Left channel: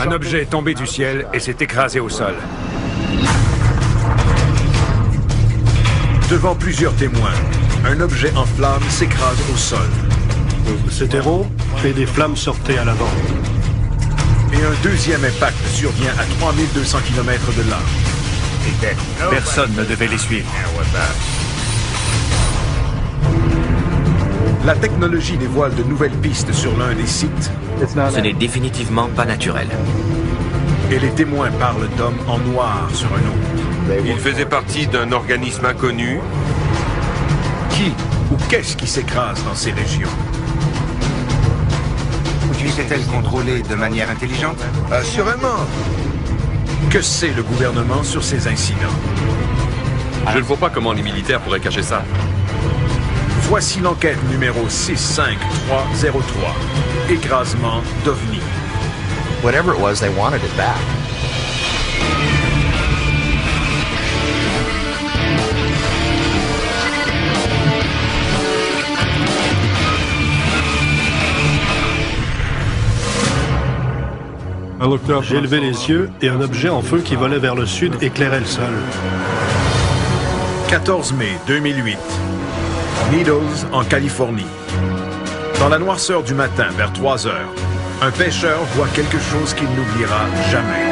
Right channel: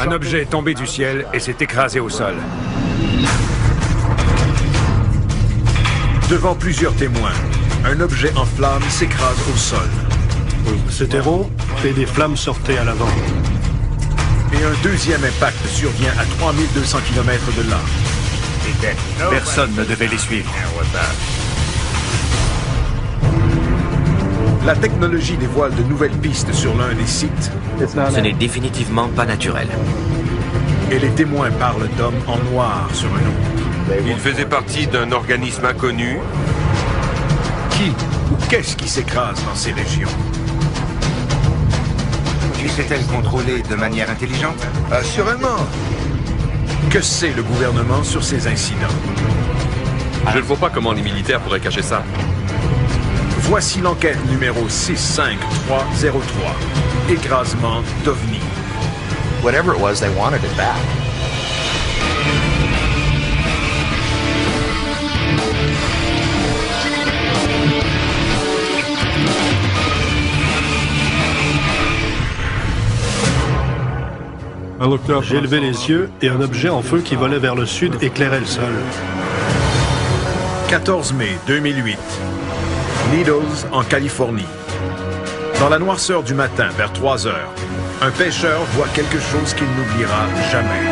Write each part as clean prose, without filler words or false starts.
Un objet est tombé du ciel et s'est écrasé au sol. Devant plusieurs témoins, un objet en flammes s'écrase au sol. C'était rond et des flammes sortaient à l'avant. Et un deuxième impact survient à 3200 km de là. Personne ne devait les suivre. La technologie dévoile de nouvelles pistes sur l'un des sites. Ce n'est définitivement pas naturel. Et les témoins parlent d'hommes en noir sur un autre. Il faisait partie d'un organisme inconnu. Qui ou qu'est-ce qui s'écrase dans ces régions? Était-elle contrôlée de manière intelligente? Assurément. Que sait le gouvernement sur ces incidents? Je ne vois pas comment les militaires pourraient cacher ça. Voici l'enquête numéro 65303. Écrasement d'OVNI. Whatever it was, they wanted it back. J'ai levé les yeux et un objet en feu qui volait vers le sud éclairait le sol. 14 mai 2008. Needles, en Californie. Dans la noirceur du matin, vers 3 heures, un pêcheur voit quelque chose qu'il n'oubliera jamais.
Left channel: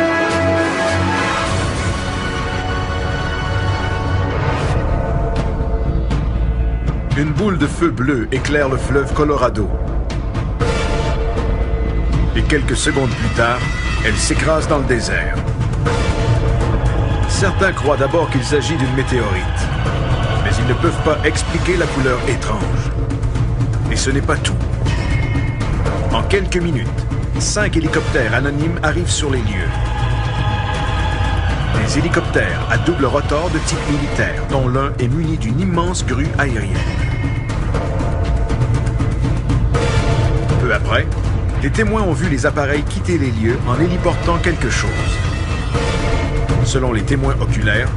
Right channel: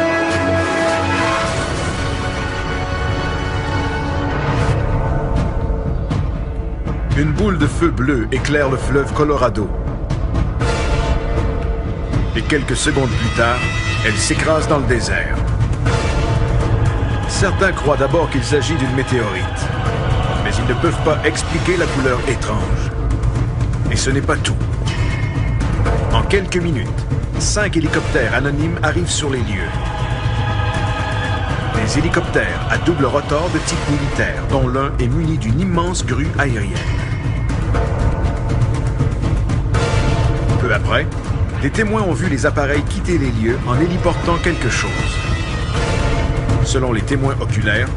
Une boule de feu bleu éclaire le fleuve Colorado. Et quelques secondes plus tard, elle s'écrase dans le désert. Certains croient d'abord qu'il s'agit d'une météorite, mais ils ne peuvent pas expliquer la couleur étrange. Et ce n'est pas tout. En quelques minutes, 5 hélicoptères anonymes arrivent sur les lieux. Des hélicoptères à double rotor de type militaire, dont l'un est muni d'une immense grue aérienne. Peu après, des témoins ont vu les appareils quitter les lieux en héliportant quelque chose. Selon les témoins oculaires,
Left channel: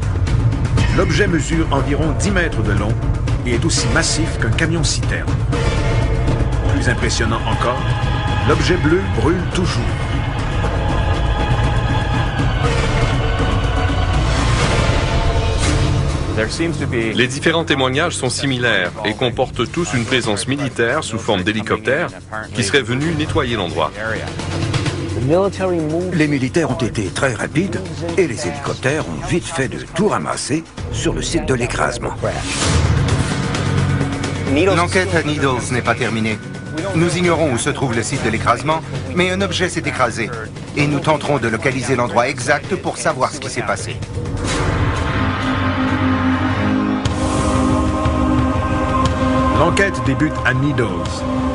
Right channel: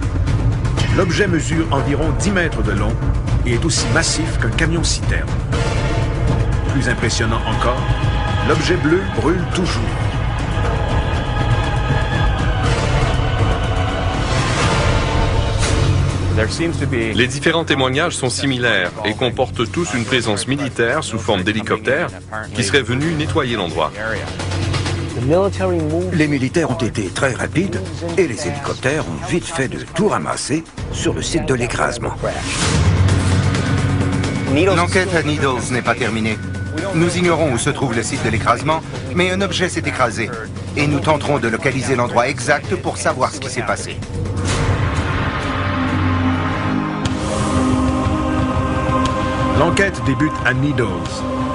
l'objet mesure environ 10 mètres de long et est aussi massif qu'un camion-citerne. Plus impressionnant encore, l'objet bleu brûle toujours. Les différents témoignages sont similaires et comportent tous une présence militaire sous forme d'hélicoptère qui serait venue nettoyer l'endroit. Les militaires ont été très rapides et les hélicoptères ont vite fait de tout ramasser sur le site de l'écrasement. L'enquête à Needles n'est pas terminée. Nous ignorons où se trouve le site de l'écrasement, mais un objet s'est écrasé. Et nous tenterons de localiser l'endroit exact pour savoir ce qui s'est passé. L'enquête débute à Needles,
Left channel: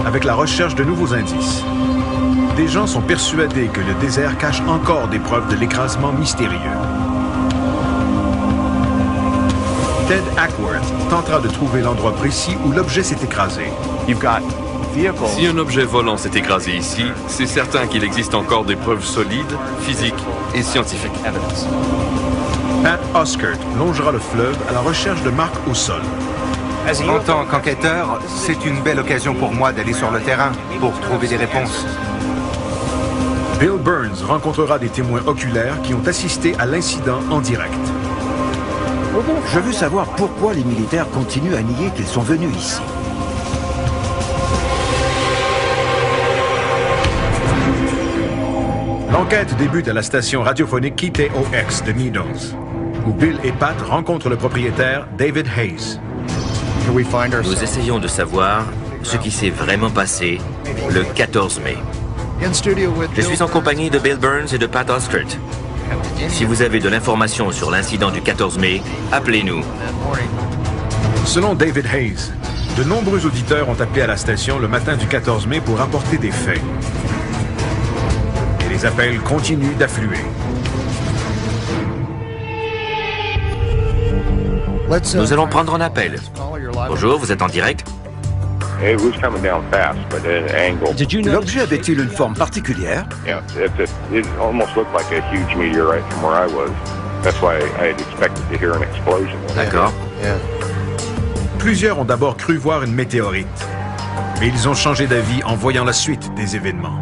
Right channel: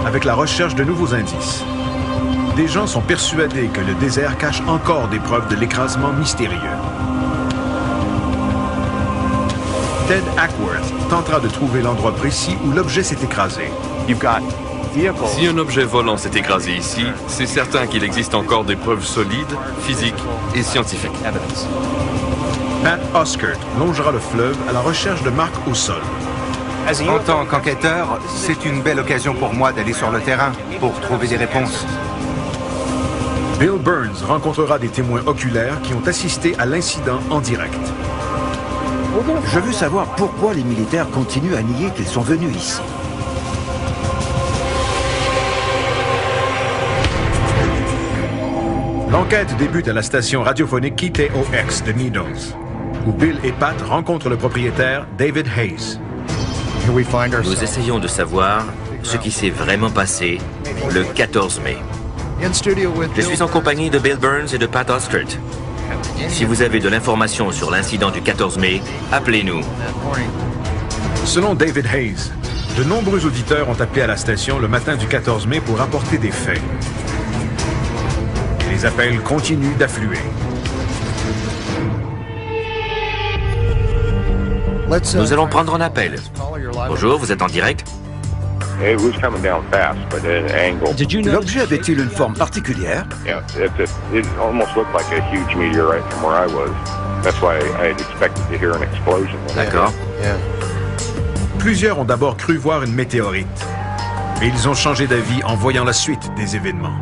avec la recherche de nouveaux indices. Des gens sont persuadés que le désert cache encore des preuves de l'écrasement mystérieux. Ted Ackworth tentera de trouver l'endroit précis où l'objet s'est écrasé. Si un objet volant s'est écrasé ici, c'est certain qu'il existe encore des preuves solides, physiques et scientifiques. Pat Oskert longera le fleuve à la recherche de marques au sol. En tant qu'enquêteur, c'est une belle occasion pour moi d'aller sur le terrain pour trouver des réponses. Bill Burns rencontrera des témoins oculaires qui ont assisté à l'incident en direct. Je veux savoir pourquoi les militaires continuent à nier qu'ils sont venus ici. L'enquête débute à la station radiophonique KTOX de Needles, où Bill et Pat rencontrent le propriétaire David Hayes. Nous essayons de savoir ce qui s'est vraiment passé le 14 mai. Je suis en compagnie de Bill Burns et de Pat Oskert. Si vous avez de l'information sur l'incident du 14 mai, appelez-nous. Selon David Hayes, de nombreux auditeurs ont appelé à la station le matin du 14 mai pour rapporter des faits. Et les appels continuent d'affluer. Nous allons prendre un appel. Bonjour, vous êtes en direct? L'objet avait-il une forme particulière? D'accord. Plusieurs ont d'abord cru voir une météorite, mais ils ont changé d'avis en voyant la suite des événements.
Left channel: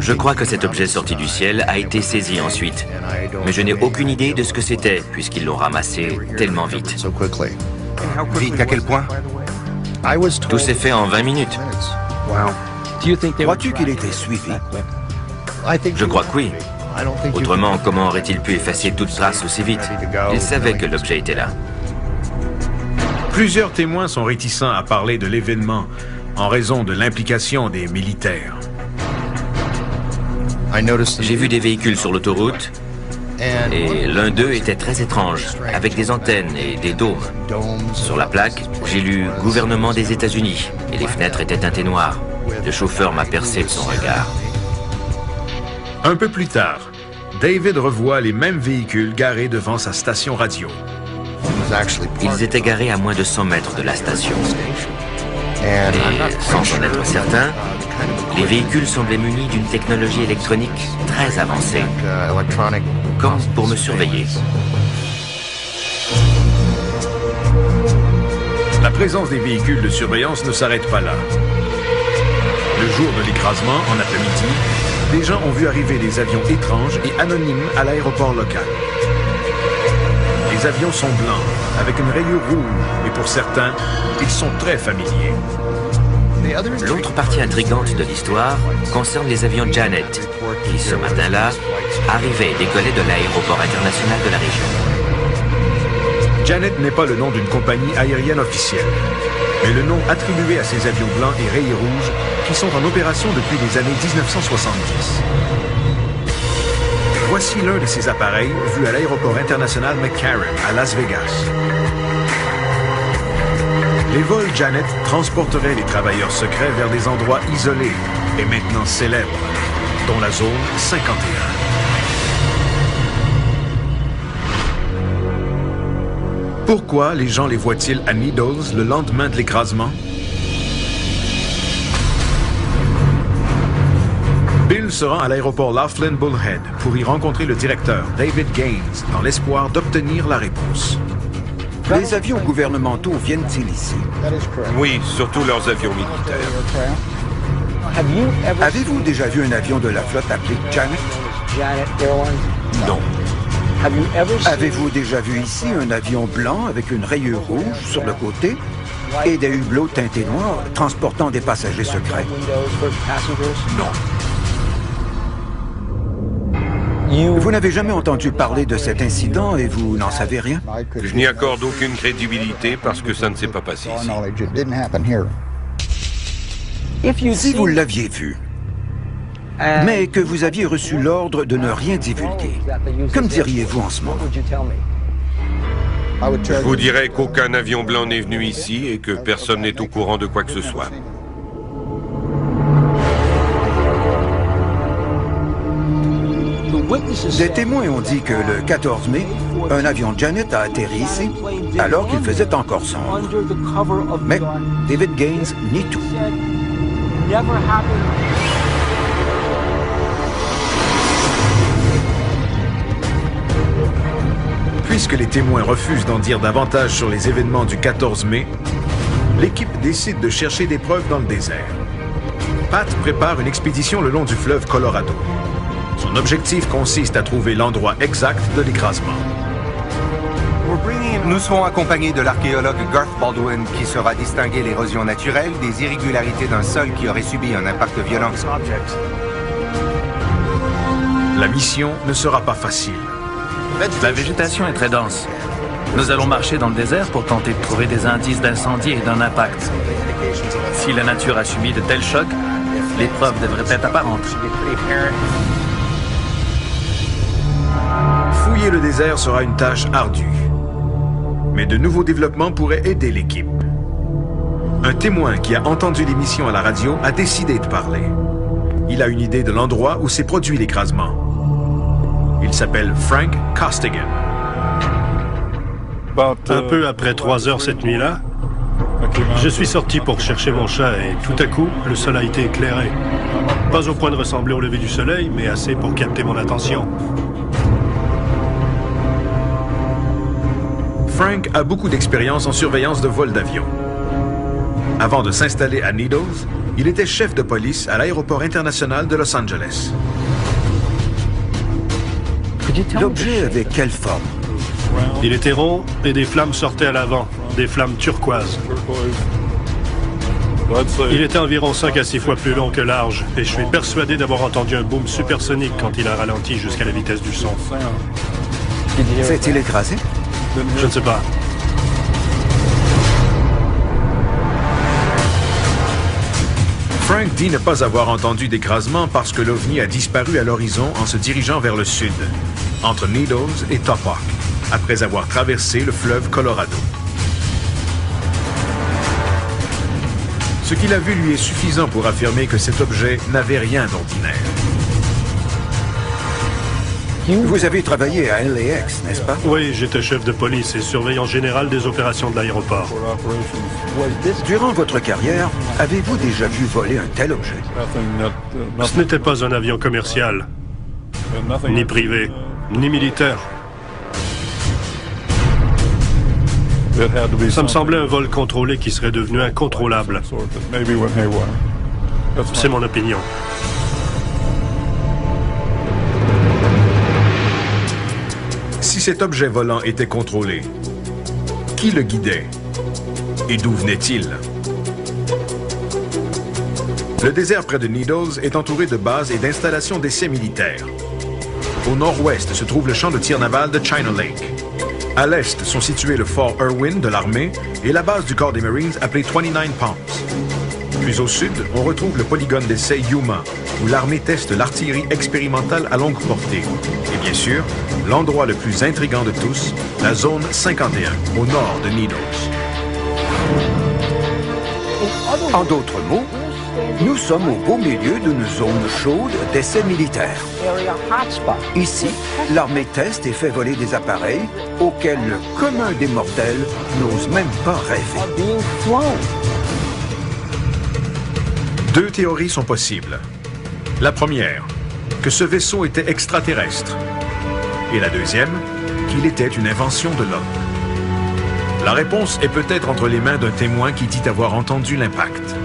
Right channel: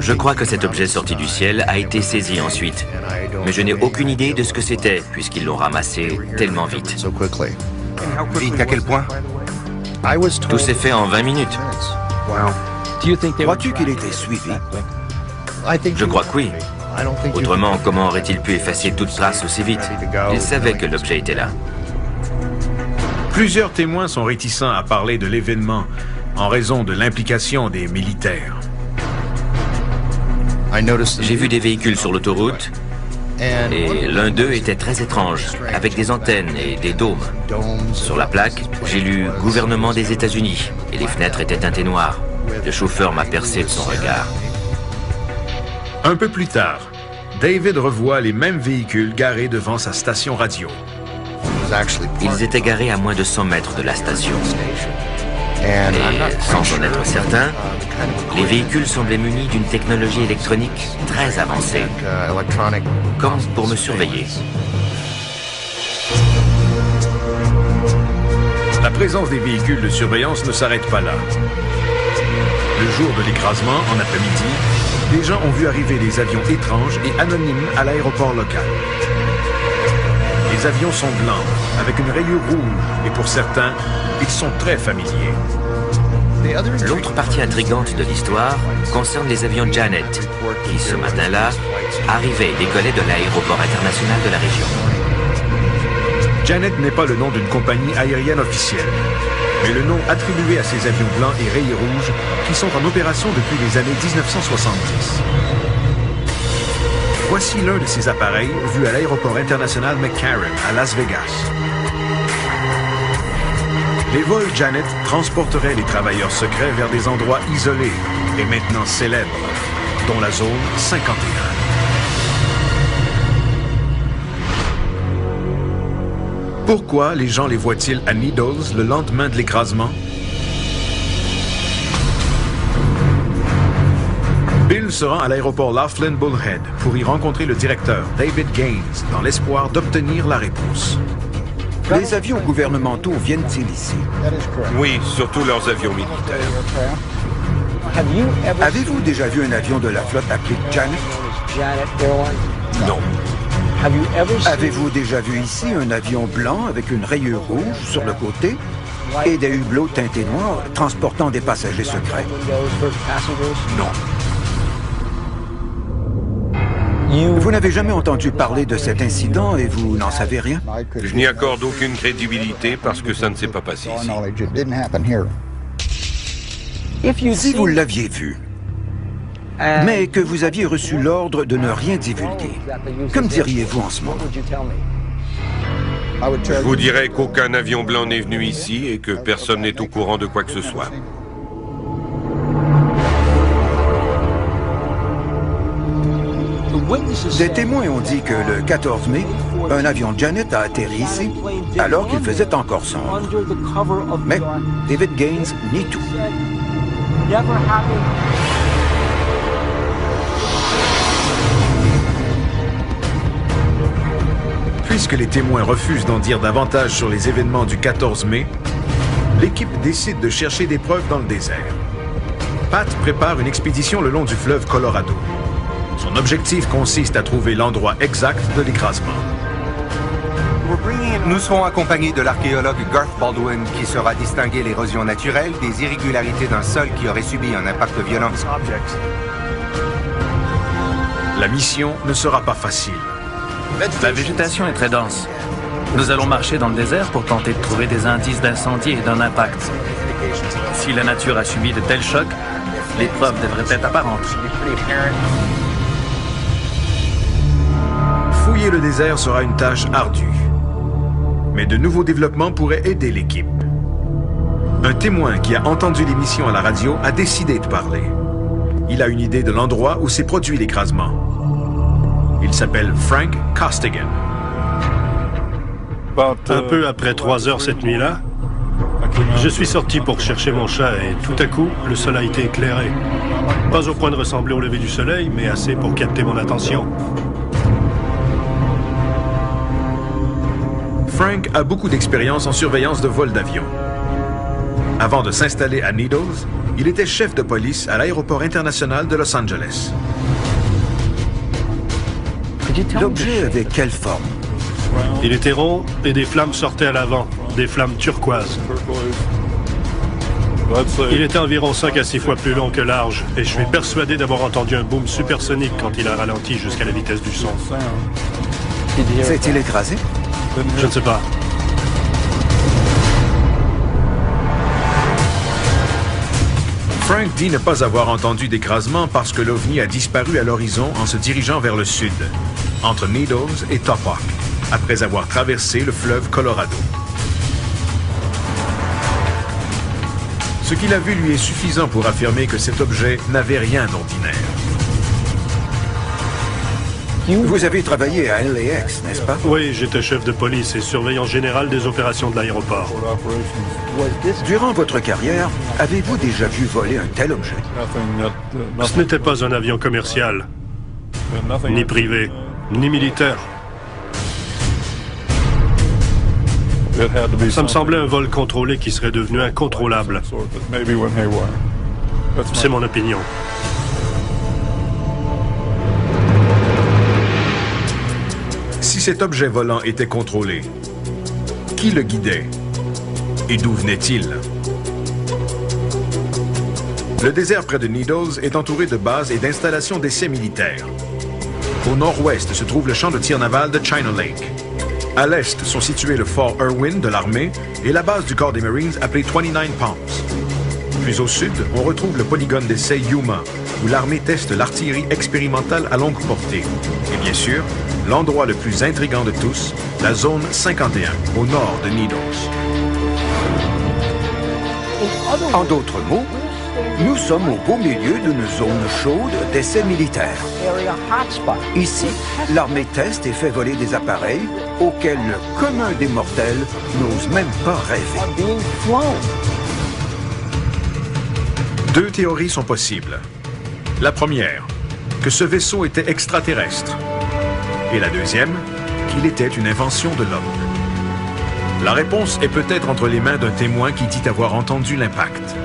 Je crois que cet objet sorti du ciel a été saisi ensuite, mais je n'ai aucune idée de ce que c'était, puisqu'ils l'ont ramassé tellement vite. Vite à quel point? Tout s'est fait en 20 minutes. Crois-tu qu'il était suivi? Je crois que oui. Autrement, comment aurait-il pu effacer toute trace aussi vite? Il savait que l'objet était là. Plusieurs témoins sont réticents à parler de l'événement en raison de l'implication des militaires. J'ai vu des véhicules sur l'autoroute et l'un d'eux était très étrange, avec des antennes et des dômes. Sur la plaque, j'ai lu « Gouvernement des États-Unis » et les fenêtres étaient teintées noires. Le chauffeur m'a percé de son regard. Un peu plus tard, David revoit les mêmes véhicules garés devant sa station radio. Ils étaient garés à moins de 100 mètres de la station. Et sans en être certain, les véhicules semblaient munis d'une technologie électronique très avancée, comme pour me surveiller. La présence des véhicules de surveillance ne s'arrête pas là. Le jour de l'écrasement, en après-midi, des gens ont vu arriver des avions étranges et anonymes à l'aéroport local. Les avions sont blancs, avec une rayure rouge, et pour certains, ils sont très familiers. L'autre partie intrigante de l'histoire concerne les avions Janet, qui ce matin-là arrivaient et décollaient de l'aéroport international de la région. Janet n'est pas le nom d'une compagnie aérienne officielle, mais le nom attribué à ces avions blancs et rayés rouges qui sont en opération depuis les années 1970. Voici l'un de ces appareils vus à l'aéroport international McCarran à Las Vegas. Les vols Janet transporteraient les travailleurs secrets vers des endroits isolés et maintenant célèbres, dont la zone 51. Pourquoi les gens les voient-ils à Needles le lendemain de l'écrasement? Bill se rend à l'aéroport Laughlin Bullhead pour y rencontrer le directeur, David Gaines, dans l'espoir d'obtenir la réponse. Les avions gouvernementaux viennent-ils ici? Oui, surtout leurs avions militaires. Avez-vous déjà vu un avion de la flotte appelé Janet? Non. Avez-vous déjà vu ici un avion blanc avec une rayure rouge sur le côté et des hublots teintés noirs transportant des passagers secrets? Non. Vous n'avez jamais entendu parler de cet incident et vous n'en savez rien? Je n'y accorde aucune crédibilité parce que ça ne s'est pas passé ici. Si vous l'aviez vu, mais que vous aviez reçu l'ordre de ne rien divulguer, que me diriez-vous en ce moment? Je vous dirais qu'aucun avion blanc n'est venu ici et que personne n'est au courant de quoi que ce soit. Des témoins ont dit que le 14 mai, un avion Janet a atterri ici alors qu'il faisait encore sombre. Mais David Gaines nie tout. Puisque les témoins refusent d'en dire davantage sur les événements du 14 mai, l'équipe décide de chercher des preuves dans le désert. Pat prépare une expédition le long du fleuve Colorado. Son objectif consiste à trouver l'endroit exact de l'écrasement. Nous serons accompagnés de l'archéologue Garth Baldwin qui saura distinguer l'érosion naturelle des irrégularités d'un sol qui aurait subi un impact violent. La mission ne sera pas facile. La végétation est très dense. Nous allons marcher dans le désert pour tenter de trouver des indices d'incendie et d'un impact. Si la nature a subi de tels chocs, les preuves devraient être apparentes. Fouiller le désert sera une tâche ardue. Mais de nouveaux développements pourraient aider l'équipe. Un témoin qui a entendu l'émission à la radio a décidé de parler. Il a une idée de l'endroit où s'est produit l'écrasement. Il s'appelle Frank Costigan. Un peu après 3 heures cette nuit-là, je suis sorti pour chercher mon chat et tout à coup, le sol a été éclairé. Pas au point de ressembler au lever du soleil, mais assez pour capter mon attention. Frank a beaucoup d'expérience en surveillance de vol d'avion. Avant de s'installer à Needles, Il était chef de police à l'aéroport international de Los Angeles. L'objet avait quelle forme? Il était rond et des flammes sortaient à l'avant, des flammes turquoises. Il était environ 5 à 6 fois plus long que large et je suis persuadé d'avoir entendu un boom supersonique quand il a ralenti jusqu'à la vitesse du son. S'est-il écrasé? Je ne sais pas. Frank dit ne pas avoir entendu d'écrasement parce que l'OVNI a disparu à l'horizon en se dirigeant vers le sud, entre Needles et Topok, après avoir traversé le fleuve Colorado. Ce qu'il a vu lui est suffisant pour affirmer que cet objet n'avait rien d'ordinaire. Vous avez travaillé à LAX, n'est-ce pas? Oui, j'étais chef de police et surveillant général des opérations de l'aéroport. Durant votre carrière, avez-vous déjà vu voler un tel objet? Ce n'était pas un avion commercial, ni privé, ni militaire. Ça me semblait un vol contrôlé qui serait devenu incontrôlable. C'est mon opinion. Si cet objet volant était contrôlé, qui le guidait et d'où venait-il? Le désert près de Needles est entouré de bases et d'installations d'essais militaires. Au nord-ouest se trouve le champ de tir naval de China Lake. À l'est sont situés le fort Irwin de l'armée et la base du corps des Marines appelée 29 Palms. Plus au sud, on retrouve le polygone d'essai Yuma, où l'armée teste l'artillerie expérimentale à longue portée. Et bien sûr, l'endroit le plus intrigant de tous, la zone 51, au nord de Needles. En d'autres mots, nous sommes au beau milieu d'une zone chaude d'essais militaires. Ici, l'armée teste et fait voler des appareils auxquels le commun des mortels n'ose même pas rêver. Deux théories sont possibles. La première, que ce vaisseau était extraterrestre. Et la deuxième, qu'il était une invention de l'homme. La réponse est peut-être entre les mains d'un témoin qui dit avoir entendu l'impact.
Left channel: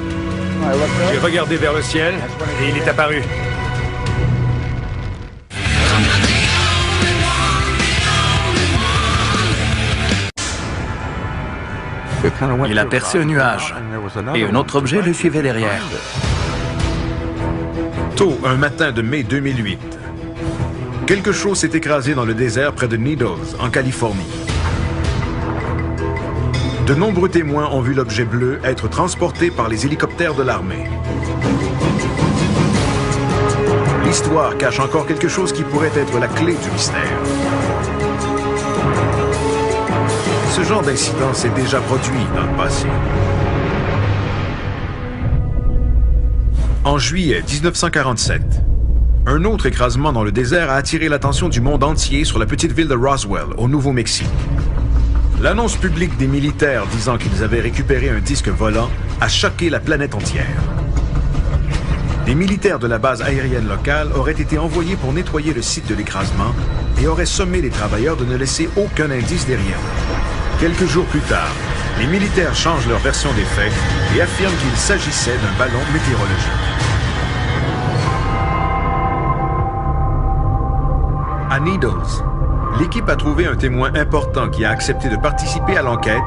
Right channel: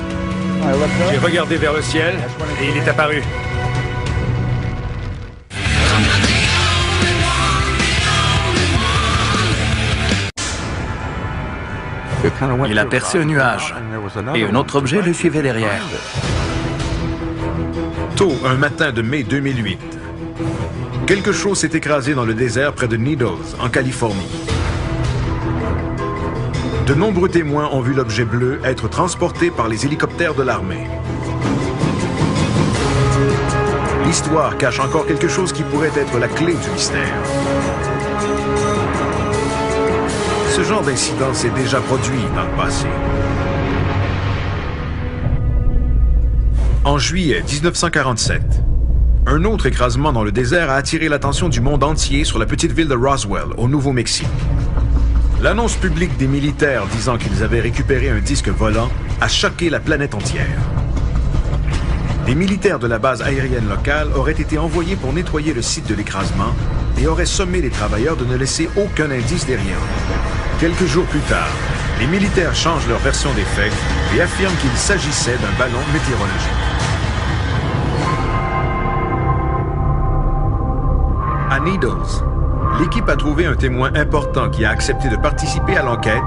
J'ai regardé vers le ciel et il est apparu. Il aperçut un nuage et un autre objet le suivait derrière. Tôt un matin de mai 2008, quelque chose s'est écrasé dans le désert près de Needles, en Californie. De nombreux témoins ont vu l'objet bleu être transporté par les hélicoptères de l'armée. L'histoire cache encore quelque chose qui pourrait être la clé du mystère. Ce genre d'incident s'est déjà produit dans le passé. En juillet 1947, un autre écrasement dans le désert a attiré l'attention du monde entier sur la petite ville de Roswell, au Nouveau-Mexique. L'annonce publique des militaires disant qu'ils avaient récupéré un disque volant a choqué la planète entière. Des militaires de la base aérienne locale auraient été envoyés pour nettoyer le site de l'écrasement et auraient sommé les travailleurs de ne laisser aucun indice derrière eux. Quelques jours plus tard, les militaires changent leur version des faits et affirment qu'il s'agissait d'un ballon météorologique. À Needles, l'équipe a trouvé un témoin important qui a accepté de participer à l'enquête,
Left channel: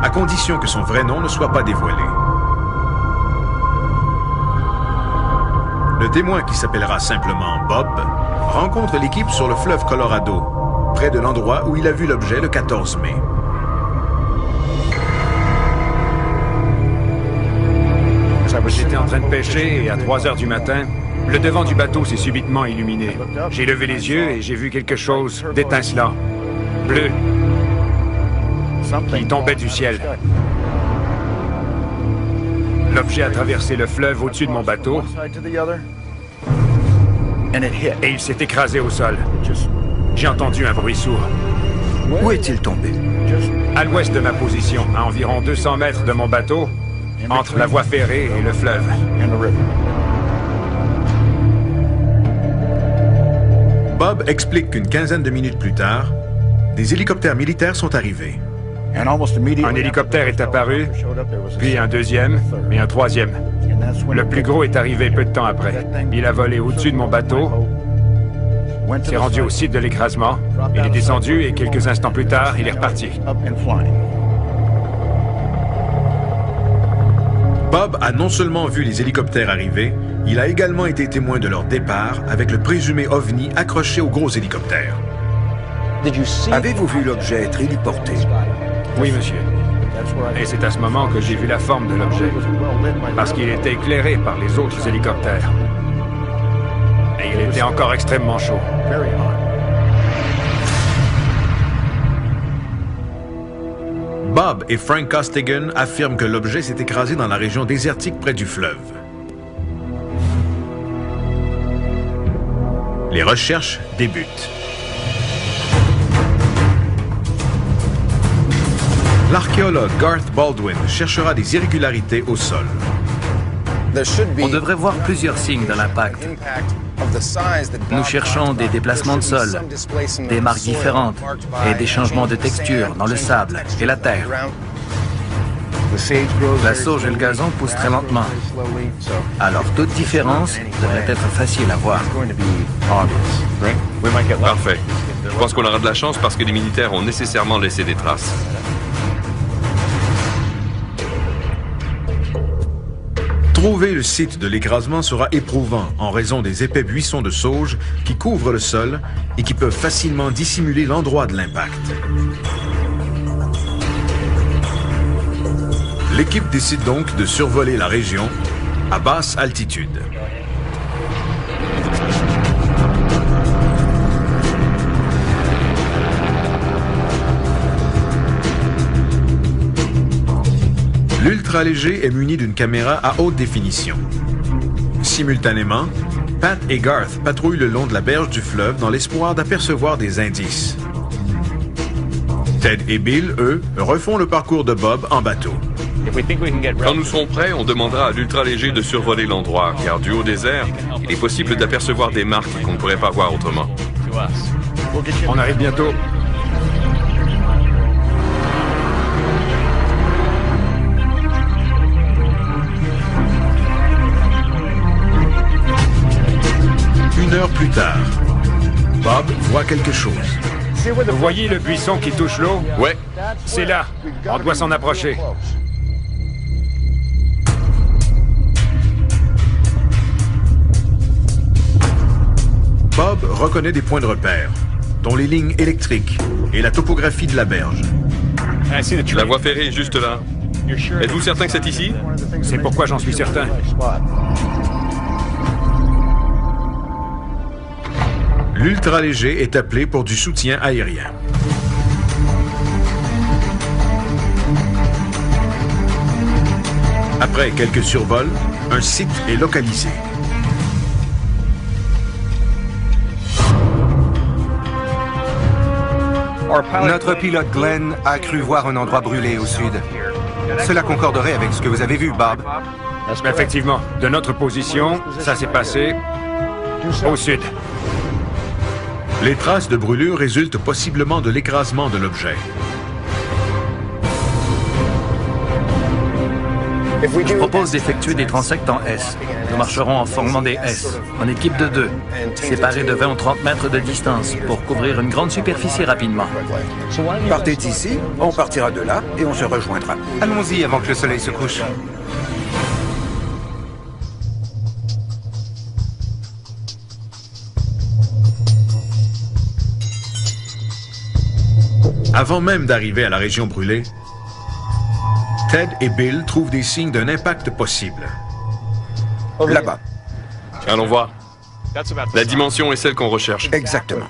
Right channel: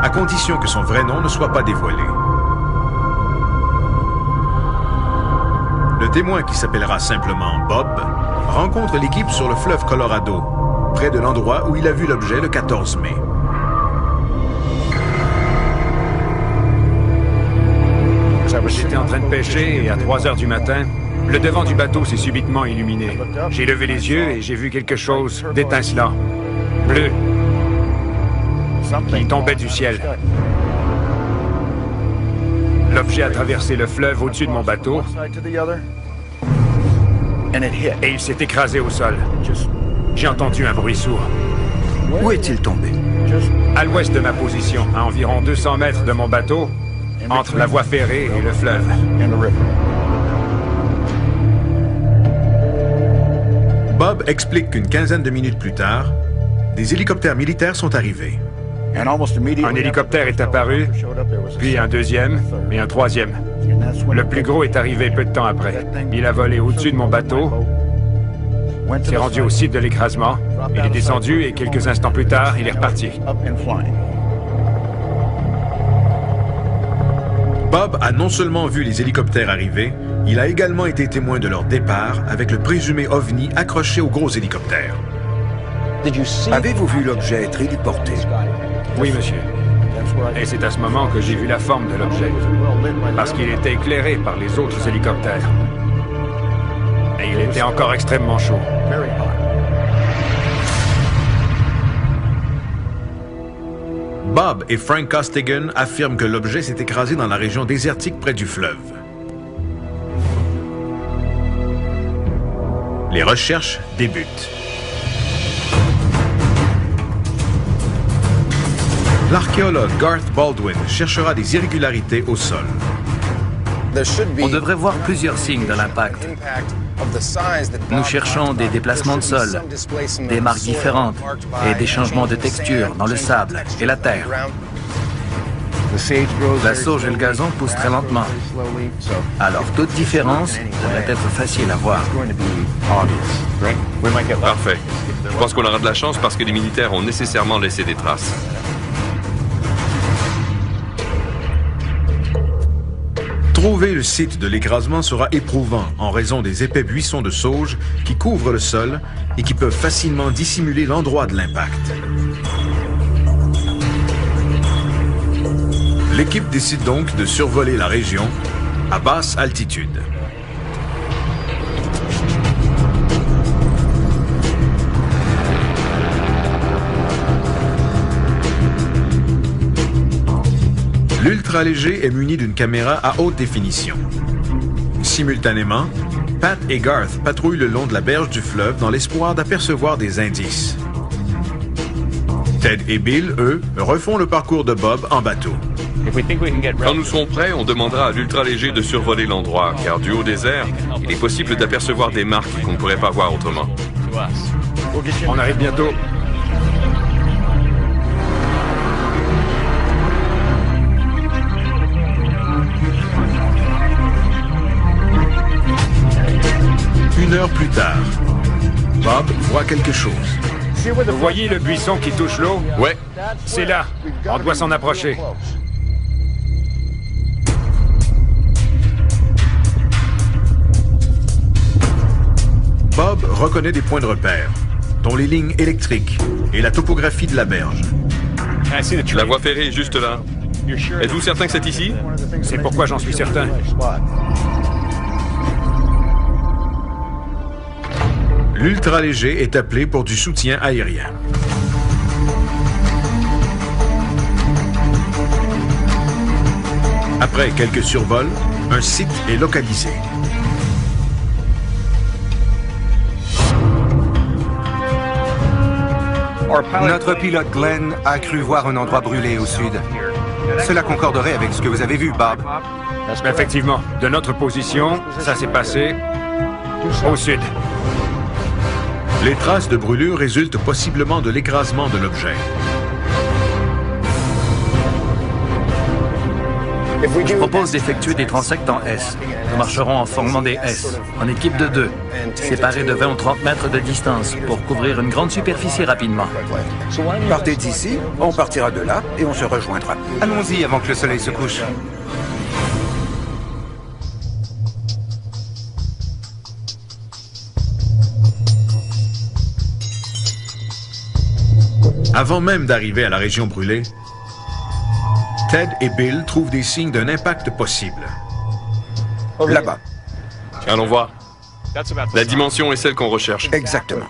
à condition que son vrai nom ne soit pas dévoilé. Le témoin, qui s'appellera simplement Bob, rencontre l'équipe sur le fleuve Colorado, près de l'endroit où il a vu l'objet le 14 mai. J'étais en train de pêcher et à 3 heures du matin, le devant du bateau s'est subitement illuminé. J'ai levé les yeux et j'ai vu quelque chose d'étincelant, bleu, qui tombait du ciel. L'objet a traversé le fleuve au-dessus de mon bateau et il s'est écrasé au sol. J'ai entendu un bruit sourd. Où est-il tombé? À l'ouest de ma position, à environ 200 mètres de mon bateau, entre la voie ferrée et le fleuve. Bob explique qu'une quinzaine de minutes plus tard, des hélicoptères militaires sont arrivés. Un hélicoptère est apparu, puis un deuxième et un troisième. Le plus gros est arrivé peu de temps après. Il a volé au-dessus de mon bateau, s'est rendu au site de l'écrasement, il est descendu et quelques instants plus tard, il est reparti. Bob a non seulement vu les hélicoptères arriver, il a également été témoin de leur départ avec le présumé OVNI accroché au gros hélicoptère. Avez-vous vu l'objet être héliporté? Oui, monsieur. Et c'est à ce moment que j'ai vu la forme de l'objet, parce qu'il était éclairé par les autres hélicoptères. Et il était encore extrêmement chaud. Bob et Frank Costigan affirment que l'objet s'est écrasé dans la région désertique près du fleuve. Les recherches débutent. L'archéologue Garth Baldwin cherchera des irrégularités au sol. On devrait voir plusieurs signes de l'impact. Nous cherchons des déplacements de sol, des marques différentes et des changements de texture dans le sable et la terre. La sauge et le gazon poussent très lentement. Alors toute différence devrait être facile à voir. Parfait. Je pense qu'on aura de la chance parce que les militaires ont nécessairement laissé des traces. Trouver le site de l'écrasement sera éprouvant en raison des épais buissons de sauge qui couvrent le sol et qui peuvent facilement dissimuler l'endroit de l'impact. L'équipe décide donc de survoler la région à basse altitude. L'ultra-léger est muni d'une caméra à haute définition. Simultanément, Pat et Garth patrouillent le long de la berge du fleuve dans l'espoir d'apercevoir des indices. Ted et Bill, eux, refont le parcours de Bob en bateau. Quand nous serons prêts, on demandera à l'ultra-léger de survoler l'endroit, car du haut des airs, il est possible d'apercevoir des marques qu'on ne pourrait pas voir autrement. On arrive bientôt. Une heure plus tard, Bob voit quelque chose. Vous voyez le buisson qui touche l'eau? Ouais. C'est là. On doit s'en approcher. Bob reconnaît des points de repère, dont les lignes électriques et la topographie de la berge. La voie ferrée est juste là. Êtes-vous certain que c'est ici? C'est pourquoi j'en suis certain. L'ultra-léger est appelé pour du soutien aérien. Après quelques survols, un site est localisé. Notre pilote Glenn a cru voir un endroit brûlé au sud. Cela concorderait avec ce que vous avez vu, Bob. Effectivement, de notre position, ça s'est passé au sud. Les traces de brûlure résultent possiblement de l'écrasement de l'objet. Je propose d'effectuer des transects en S. Nous marcherons en formant des S, en équipe de 2, séparés de 20 ou 30 mètres de distance, pour couvrir une grande superficie rapidement. Partez d'ici, on partira de là et on se rejoindra. Allons-y avant que le soleil se couche. Avant même d'arriver à la région brûlée, Ted et Bill trouvent des signes d'un impact possible. Là-bas. Allons voir. La dimension est celle qu'on recherche. Exactement.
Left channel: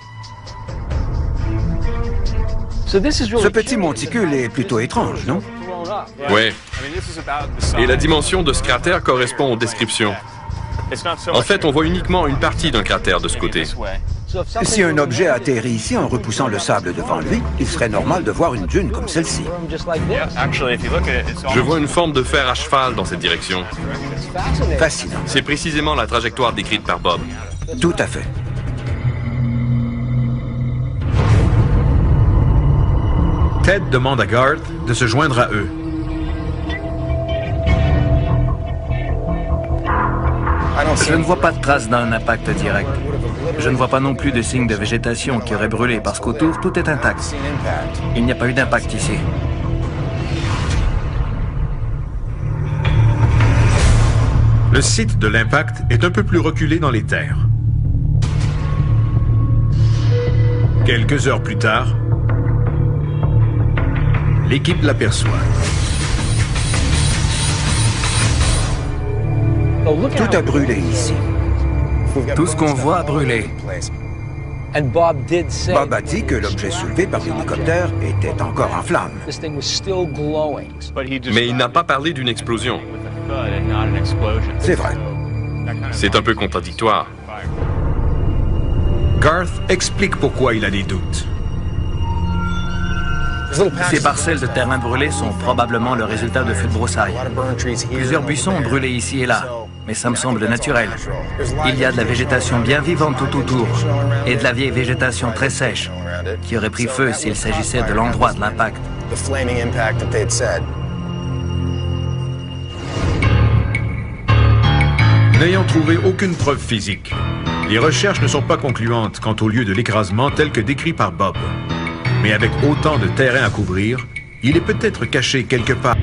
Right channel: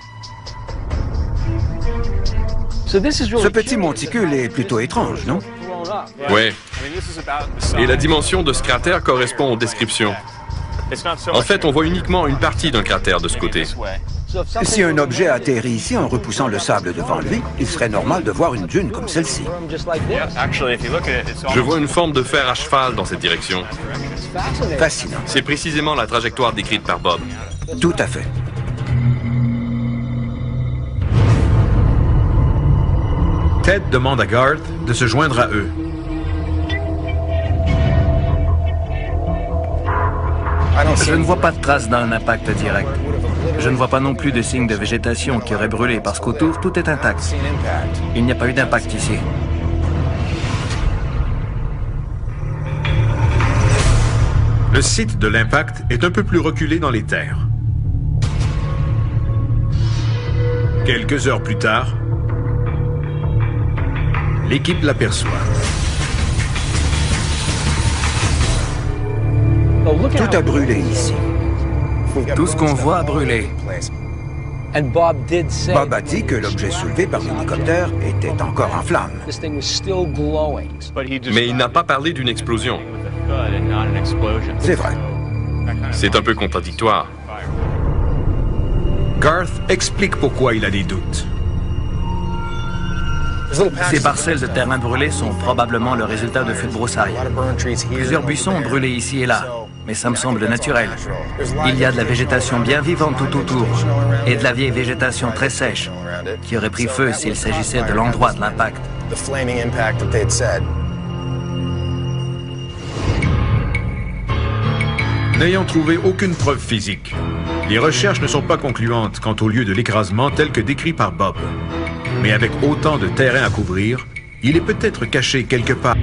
Ce petit monticule est plutôt étrange, non? Oui. Et la dimension de ce cratère correspond aux descriptions. En fait, on voit uniquement une partie d'un cratère de ce côté. Si un objet atterrit ici en repoussant le sable devant lui, il serait normal de voir une dune comme celle-ci. Je vois une forme de fer à cheval dans cette direction. Fascinant. C'est précisément la trajectoire décrite par Bob. Tout à fait. Ted demande à Garth de se joindre à eux. Je ne vois pas de traces d'un impact direct. Je ne vois pas non plus de signes de végétation qui aurait brûlé parce qu'autour, tout est intact. Il n'y a pas eu d'impact ici. Le site de l'impact est un peu plus reculé dans les terres. Quelques heures plus tard, l'équipe l'aperçoit. Tout a brûlé ici. Tout ce qu'on voit a brûlé. Bob a dit que l'objet soulevé par l'hélicoptère était encore en flammes. Mais il n'a pas parlé d'une explosion. C'est vrai. C'est un peu contradictoire. Garth explique pourquoi il a des doutes. Ces parcelles de terrain brûlées sont probablement le résultat de feux de broussailles. Plusieurs buissons ont brûlé ici et là, mais ça me semble naturel. Il y a de la végétation bien vivante tout autour, et de la vieille végétation très sèche, qui aurait pris feu s'il s'agissait de l'endroit de l'impact. N'ayant trouvé aucune preuve physique, les recherches ne sont pas concluantes quant au lieu de l'écrasement tel que décrit par Bob. Mais avec autant de terrain à couvrir, il est peut-être caché quelque part.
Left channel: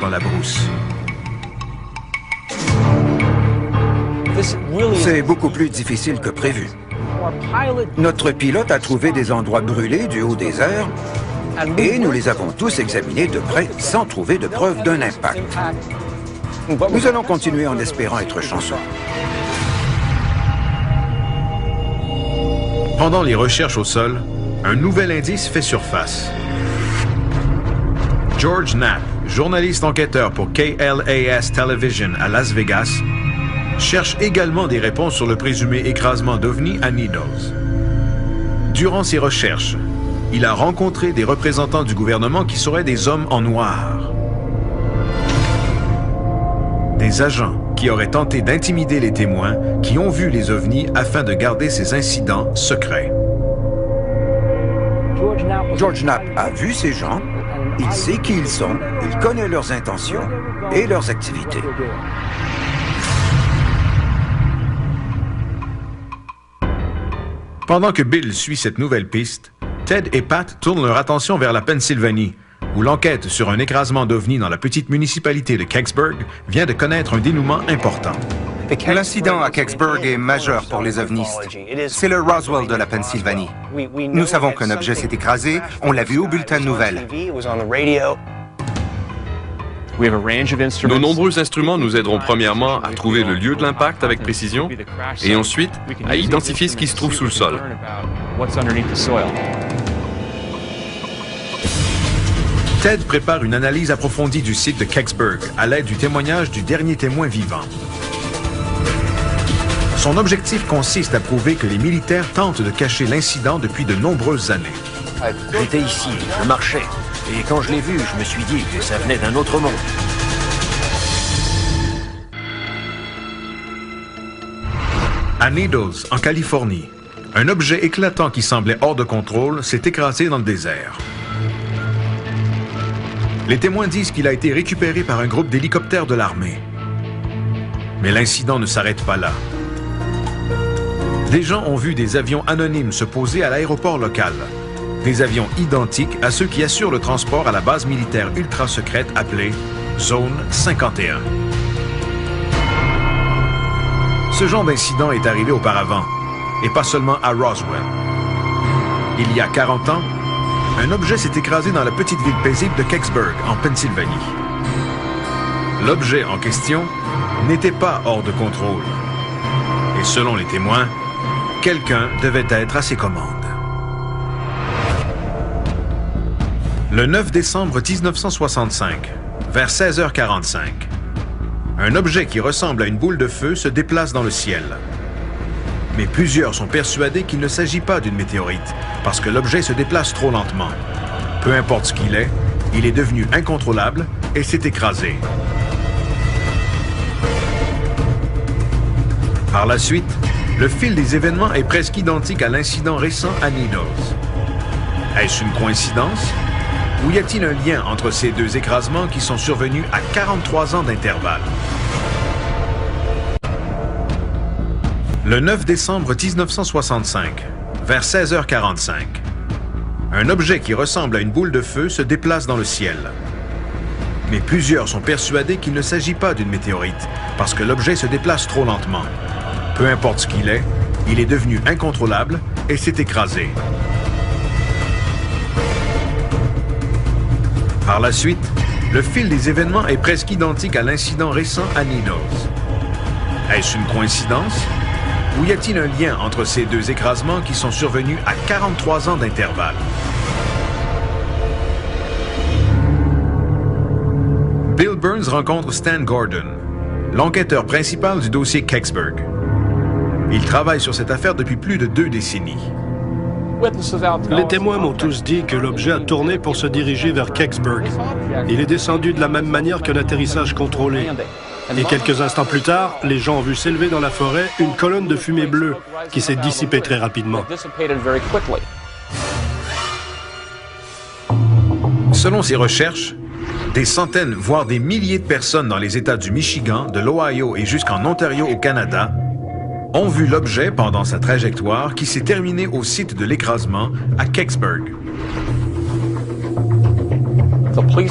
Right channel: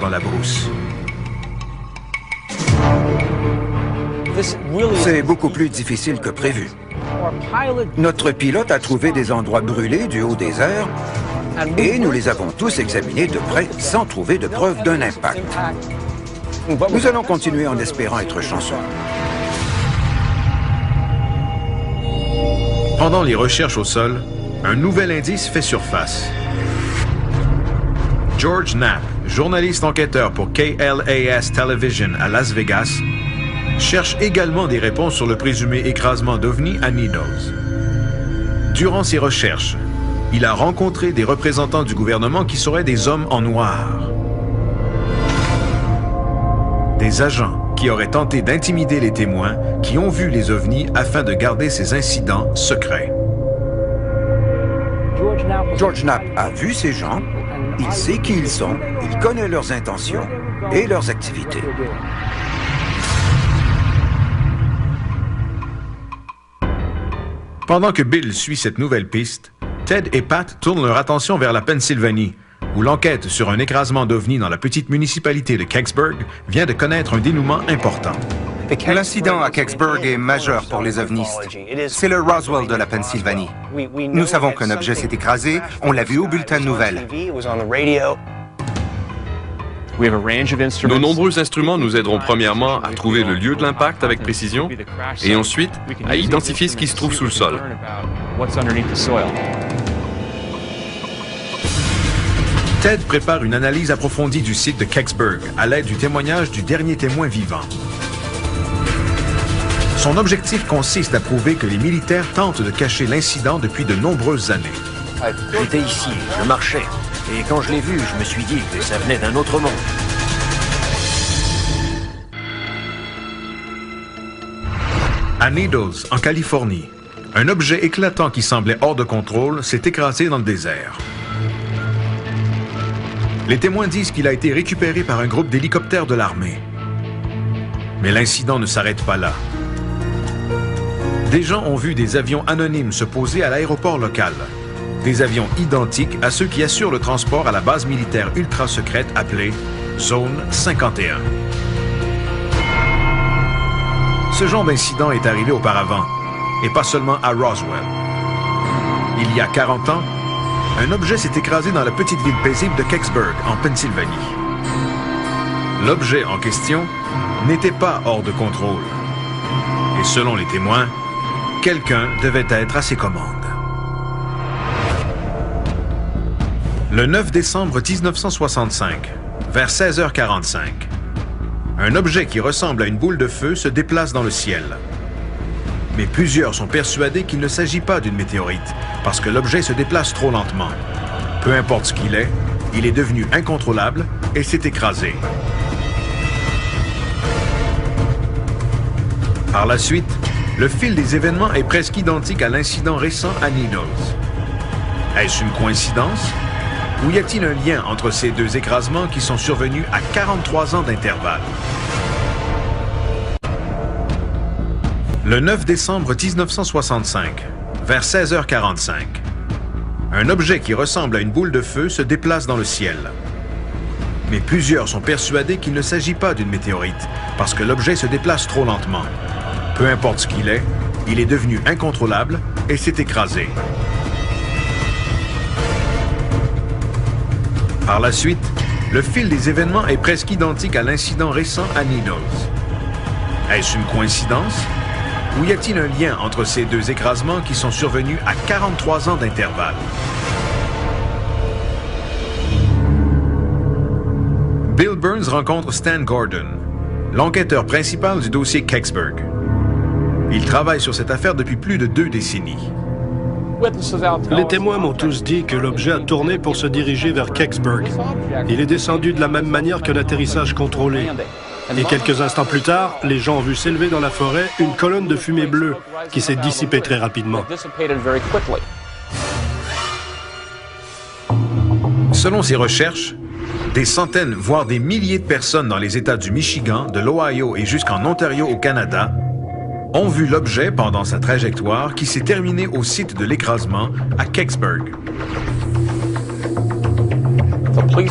Dans la brousse. C'est beaucoup plus difficile que prévu. Notre pilote a trouvé des endroits brûlés du haut des airs et nous les avons tous examinés de près sans trouver de preuve d'un impact. Nous allons continuer en espérant être chanceux. Pendant les recherches au sol, un nouvel indice fait surface. George Knapp, journaliste enquêteur pour KLAS Television à Las Vegas, cherche également des réponses sur le présumé écrasement d'OVNI à Needles. Durant ses recherches, il a rencontré des représentants du gouvernement qui seraient des hommes en noir. Des agents qui auraient tenté d'intimider les témoins qui ont vu les OVNI afin de garder ces incidents secrets. George Knapp a vu ces gens, il sait qui ils sont, il connaît leurs intentions et leurs activités. Pendant que Bill suit cette nouvelle piste, Ted et Pat tournent leur attention vers la Pennsylvanie, où l'enquête sur un écrasement d'OVNI dans la petite municipalité de Kecksburg vient de connaître un dénouement important. L'incident à Kecksburg est majeur pour les ovnistes. C'est le Roswell de la Pennsylvanie. Nous savons qu'un objet s'est écrasé, on l'a vu au bulletin de nouvelles. Nos nombreux instruments nous aideront premièrement à trouver le lieu de l'impact avec précision et ensuite à identifier ce qui se trouve sous le sol. Ted prépare une analyse approfondie du site de Kecksburg à l'aide du témoignage du dernier témoin vivant. Son objectif consiste à prouver que les militaires tentent de cacher l'incident depuis de nombreuses années. J'étais ici, je marchais. Et quand je l'ai vu, je me suis dit que ça venait d'un autre monde. À Needles, en Californie, un objet éclatant qui semblait hors de contrôle s'est écrasé dans le désert. Les témoins disent qu'il a été récupéré par un groupe d'hélicoptères de l'armée. Mais l'incident ne s'arrête pas là. Des gens ont vu des avions anonymes se poser à l'aéroport local. Des avions identiques à ceux qui assurent le transport à la base militaire ultra-secrète appelée Zone 51. Ce genre d'incident est arrivé auparavant, et pas seulement à Roswell. Il y a 40 ans, un objet s'est écrasé dans la petite ville paisible de Kecksburg, en Pennsylvanie. L'objet en question n'était pas hors de contrôle. Et selon les témoins, quelqu'un devait être à ses commandes. Le 9 décembre 1965, vers 16h45, un objet qui ressemble à une boule de feu se déplace dans le ciel. Mais plusieurs sont persuadés qu'il ne s'agit pas d'une météorite, parce que l'objet se déplace trop lentement. Peu importe ce qu'il est devenu incontrôlable et s'est écrasé. Par la suite, le fil des événements est presque identique à l'incident récent à Needles. Est-ce une coïncidence? Ou y a-t-il un lien entre ces deux écrasements qui sont survenus à 43 ans d'intervalle? Le 9 décembre 1965, vers 16h45, un objet qui ressemble à une boule de feu se déplace dans le ciel. Mais plusieurs sont persuadés qu'il ne s'agit pas d'une météorite, parce que l'objet se déplace trop lentement. Peu importe ce qu'il est, il est devenu incontrôlable et s'est écrasé. Par la suite, le fil des événements est presque identique à l'incident récent à Needles. Est-ce une coïncidence? Ou y a-t-il un lien entre ces deux écrasements qui sont survenus à 43 ans d'intervalle? Bill Burns rencontre Stan Gordon, l'enquêteur principal du dossier Kecksburg. Il travaille sur cette affaire depuis plus de 2 décennies. Les témoins m'ont tous dit que l'objet a tourné pour se diriger vers Kecksburg. Il est descendu de la même manière qu'un atterrissage contrôlé. Et quelques instants plus tard, les gens ont vu s'élever dans la forêt une colonne de fumée bleue qui s'est dissipée très rapidement. Selon ses recherches, des centaines, voire des milliers de personnes dans les États du Michigan, de l'Ohio et jusqu'en Ontario au Canada ont vu l'objet pendant sa trajectoire qui s'est terminée au site de l'écrasement à Kecksburg.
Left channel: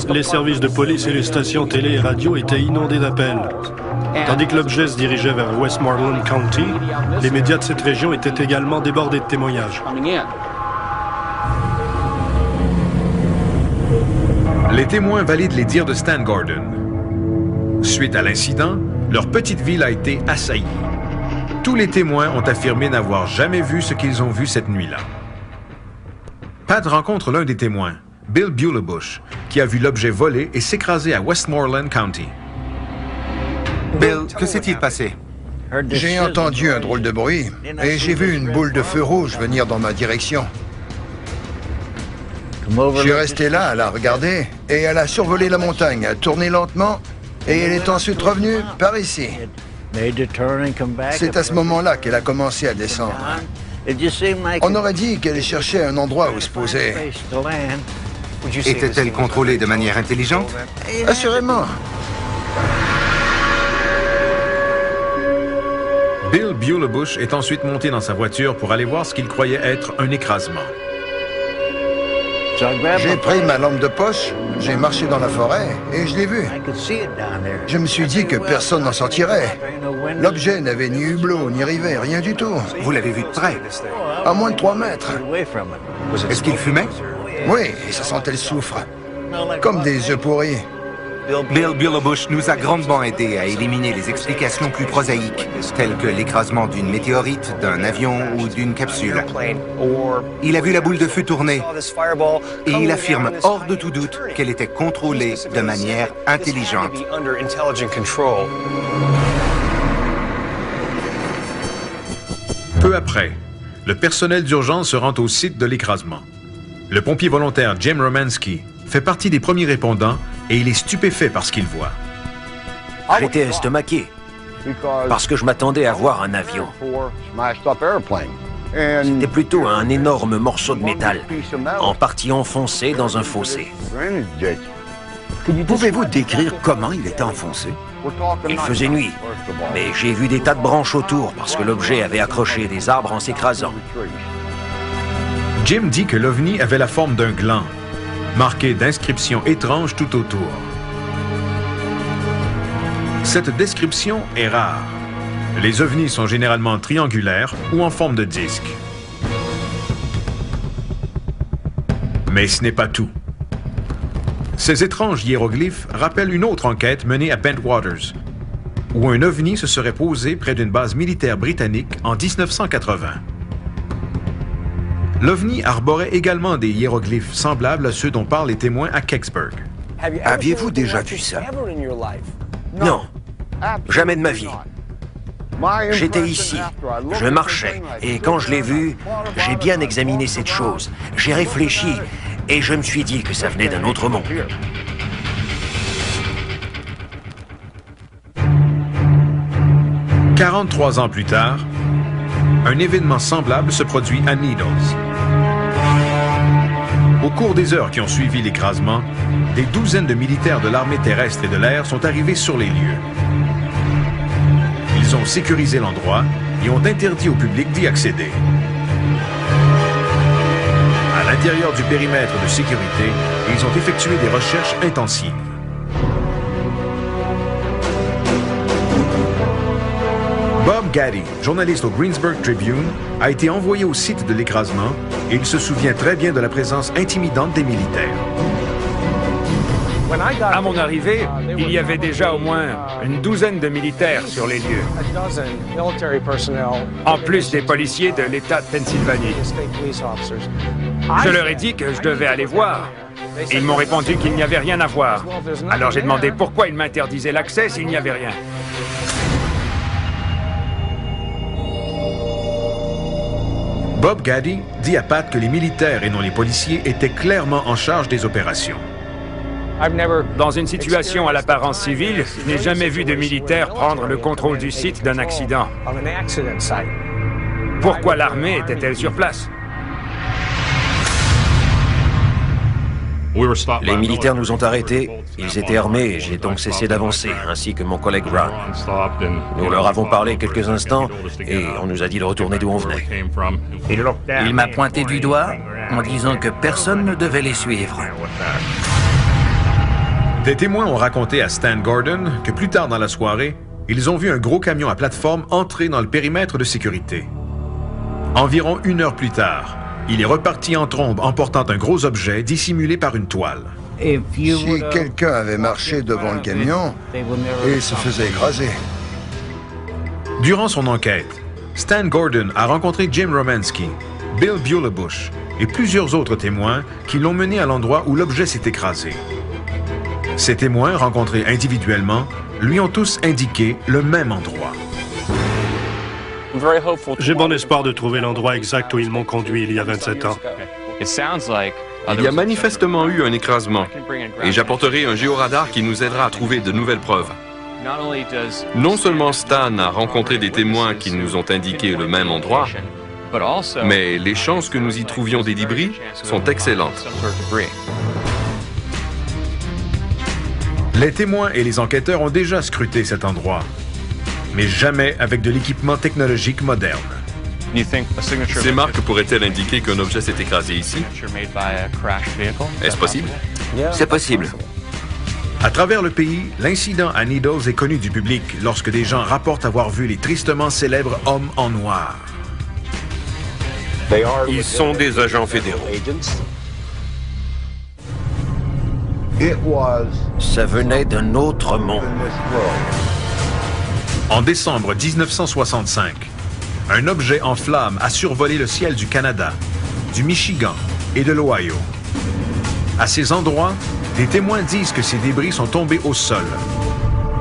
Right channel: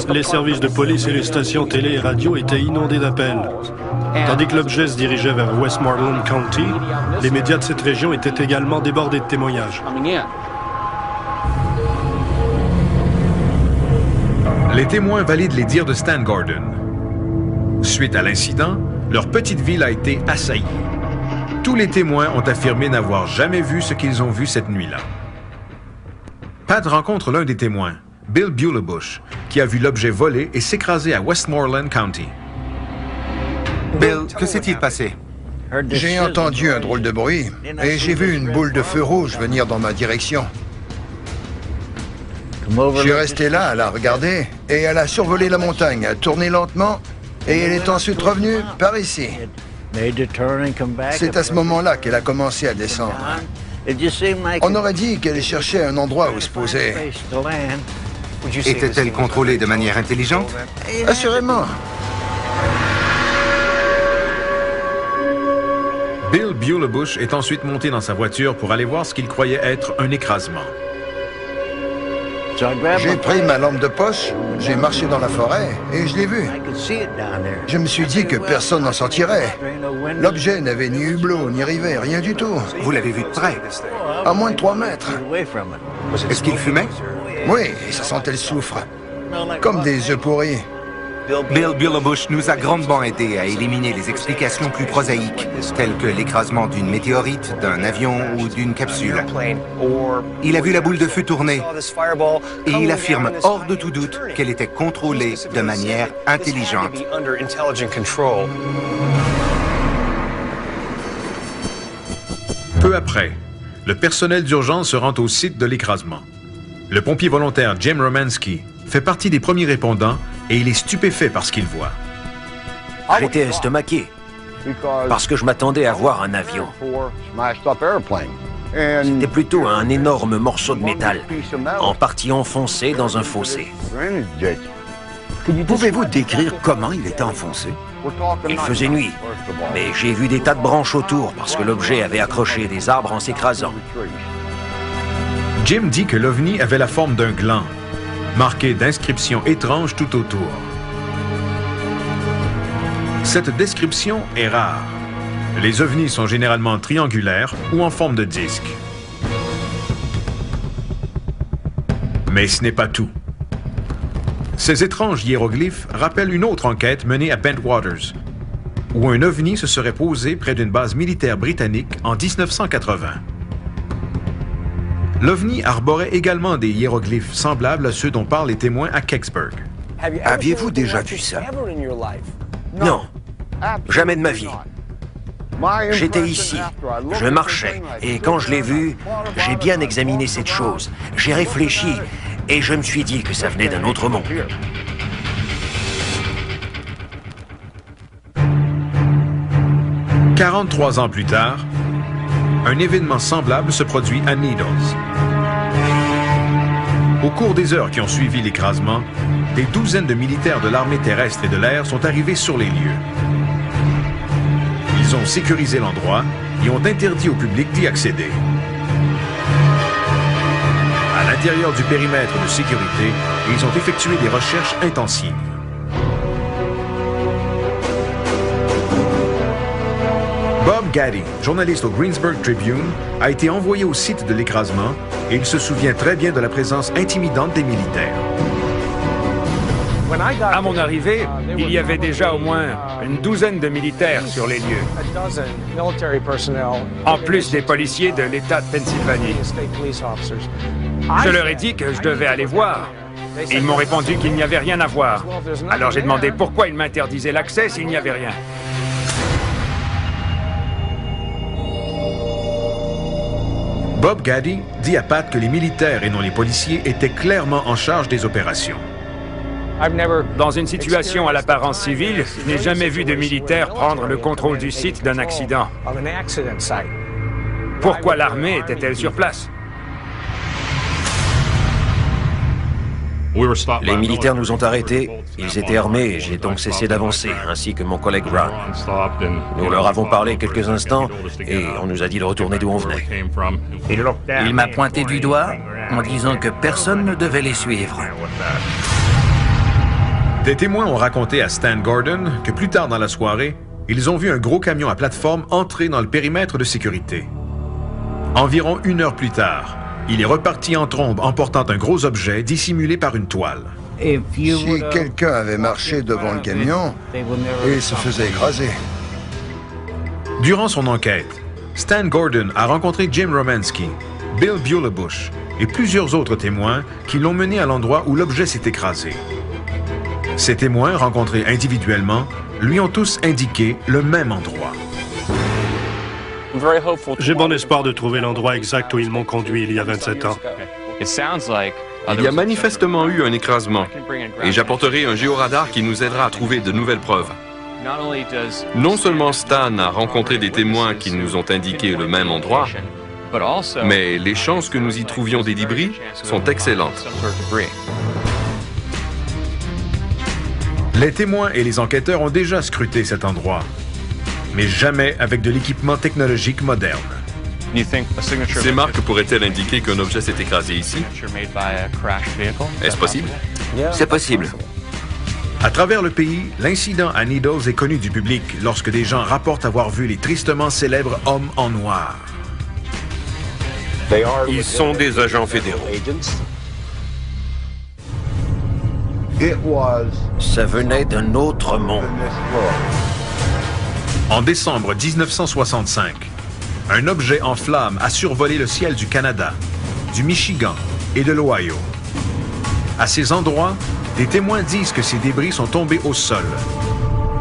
Les services de police et les stations télé et radio étaient inondés d'appels. Tandis que l'objet se dirigeait vers Westmoreland County, les médias de cette région étaient également débordés de témoignages. Les témoins valident les dires de Stan Gordon. Suite à l'incident, leur petite ville a été assaillie. Tous les témoins ont affirmé n'avoir jamais vu ce qu'ils ont vu cette nuit-là. Pat rencontre l'un des témoins, Bill Bulebush, qui a vu l'objet voler et s'écraser à Westmoreland County. Bill, que s'est-il passé? J'ai entendu un drôle de bruit et j'ai vu une boule de feu rouge venir dans ma direction. Je suis resté là à la regarder et elle a survolé la montagne, a tourné lentement et elle est ensuite revenue par ici. C'est à ce moment-là qu'elle a commencé à descendre. On aurait dit qu'elle cherchait un endroit où se poser. Était-elle contrôlée de manière intelligente? Assurément. Bill Bulebush est ensuite monté dans sa voiture pour aller voir ce qu'il croyait être un écrasement. J'ai pris ma lampe de poche, j'ai marché dans la forêt et je l'ai vu. Je me suis dit que personne n'en sortirait. L'objet n'avait ni hublot, ni rivet, rien du tout. Vous l'avez vu de près? À moins de 3 mètres. Est-ce qu'il fumait? Oui, et ça sentait le soufre. Comme des œufs pourris. Bill Bulebush nous a grandement aidé à éliminer les explications plus prosaïques, telles que l'écrasement d'une météorite, d'un avion ou d'une capsule. Il a vu la boule de feu tourner et il affirme hors de tout doute qu'elle était contrôlée de manière intelligente. Peu après, le personnel d'urgence se rend au site de l'écrasement. Le pompier volontaire Jim Romanski fait partie des premiers répondants et il est stupéfait par ce qu'il voit. J'étais estomaqué parce que je m'attendais à voir un avion. C'était plutôt un énorme morceau de métal, en partie enfoncé dans un fossé. Pouvez-vous décrire comment il était enfoncé? Il faisait nuit, mais j'ai vu des tas de branches autour parce que l'objet avait accroché des arbres en s'écrasant. Jim dit que l'OVNI avait la forme d'un gland, marqué d'inscriptions étranges tout autour. Cette description est rare. Les ovnis sont généralement triangulaires ou en forme de disque. Mais ce n'est pas tout. Ces étranges hiéroglyphes rappellent une autre enquête menée à Bentwaters, où un ovni se serait posé près d'une base militaire britannique en 1980. L'OVNI arborait également des hiéroglyphes semblables à ceux dont parlent les témoins à Kecksburg. Aviez-vous déjà vu ça? Non, jamais de ma vie. J'étais ici, je marchais, et quand je l'ai vu, j'ai bien examiné cette chose. J'ai réfléchi, et je me suis dit que ça venait d'un autre monde. 43 ans plus tard, un événement semblable se produit à Needles. Au cours des heures qui ont suivi l'écrasement, des douzaines de militaires de l'armée terrestre et de l'air sont arrivés sur les lieux. Ils ont sécurisé l'endroit et ont interdit au public d'y accéder. À l'intérieur du périmètre de sécurité, ils ont effectué des recherches intensives. Bob Gaddy, journaliste au Greensburg Tribune, a été envoyé au site de l'écrasement et il se souvient très bien de la présence intimidante des militaires. À mon arrivée, il y avait déjà au moins une douzaine de militaires sur les lieux, en plus des policiers de l'État de Pennsylvanie. Je leur ai dit que je devais aller voir. Ils m'ont répondu qu'il n'y avait rien à voir. Alors j'ai demandé pourquoi ils m'interdisaient l'accès s'il n'y avait rien. Bob Gaddy dit à Pat que les militaires et non les policiers étaient clairement en charge des opérations. Dans une situation à l'apparence civile, je n'ai jamais vu de militaires prendre le contrôle du site d'un accident. Pourquoi l'armée était-elle sur place? Les militaires nous ont arrêtés, ils étaient armés et j'ai donc cessé d'avancer, ainsi que mon collègue Ron. Nous leur avons parlé quelques instants et on nous a dit de retourner d'où on venait. Il m'a pointé du doigt en disant que personne ne devait les suivre. Des témoins ont raconté à Stan Gordon que plus tard dans la soirée, ils ont vu un gros camion à plateforme entrer dans le périmètre de sécurité. Environ 1 heure plus tard, il est reparti en trombe en portant un gros objet dissimulé par une toile. Si quelqu'un avait marché devant le camion, il se faisait écraser. Durant son enquête, Stan Gordon a rencontré Jim Romanski, Bill Bulebush et plusieurs autres témoins qui l'ont mené à l'endroit où l'objet s'est écrasé. Ces témoins, rencontrés individuellement, lui ont tous indiqué le même endroit. J'ai bon espoir de trouver l'endroit exact où ils m'ont conduit il y a 27 ans. Il y a manifestement eu un écrasement et j'apporterai un géoradar qui nous aidera à trouver de nouvelles preuves. Non seulement Stan a rencontré des témoins qui nous ont indiqué le même endroit, mais les chances que nous y trouvions des débris sont excellentes. Les témoins et les enquêteurs ont déjà scruté cet endroit, mais jamais avec de l'équipement technologique moderne. Ces marques pourraient-elles indiquer qu'un objet s'est écrasé ici? Est-ce possible? C'est possible. À travers le pays, l'incident à Needles est connu du public lorsque des gens rapportent avoir vu les tristement célèbres hommes en noir. Ils sont des agents fédéraux. Ça venait d'un autre monde. En décembre 1965, un objet en flammes a survolé le ciel du Canada, du Michigan et de l'Ohio. À ces endroits, des témoins disent que ces débris sont tombés au sol,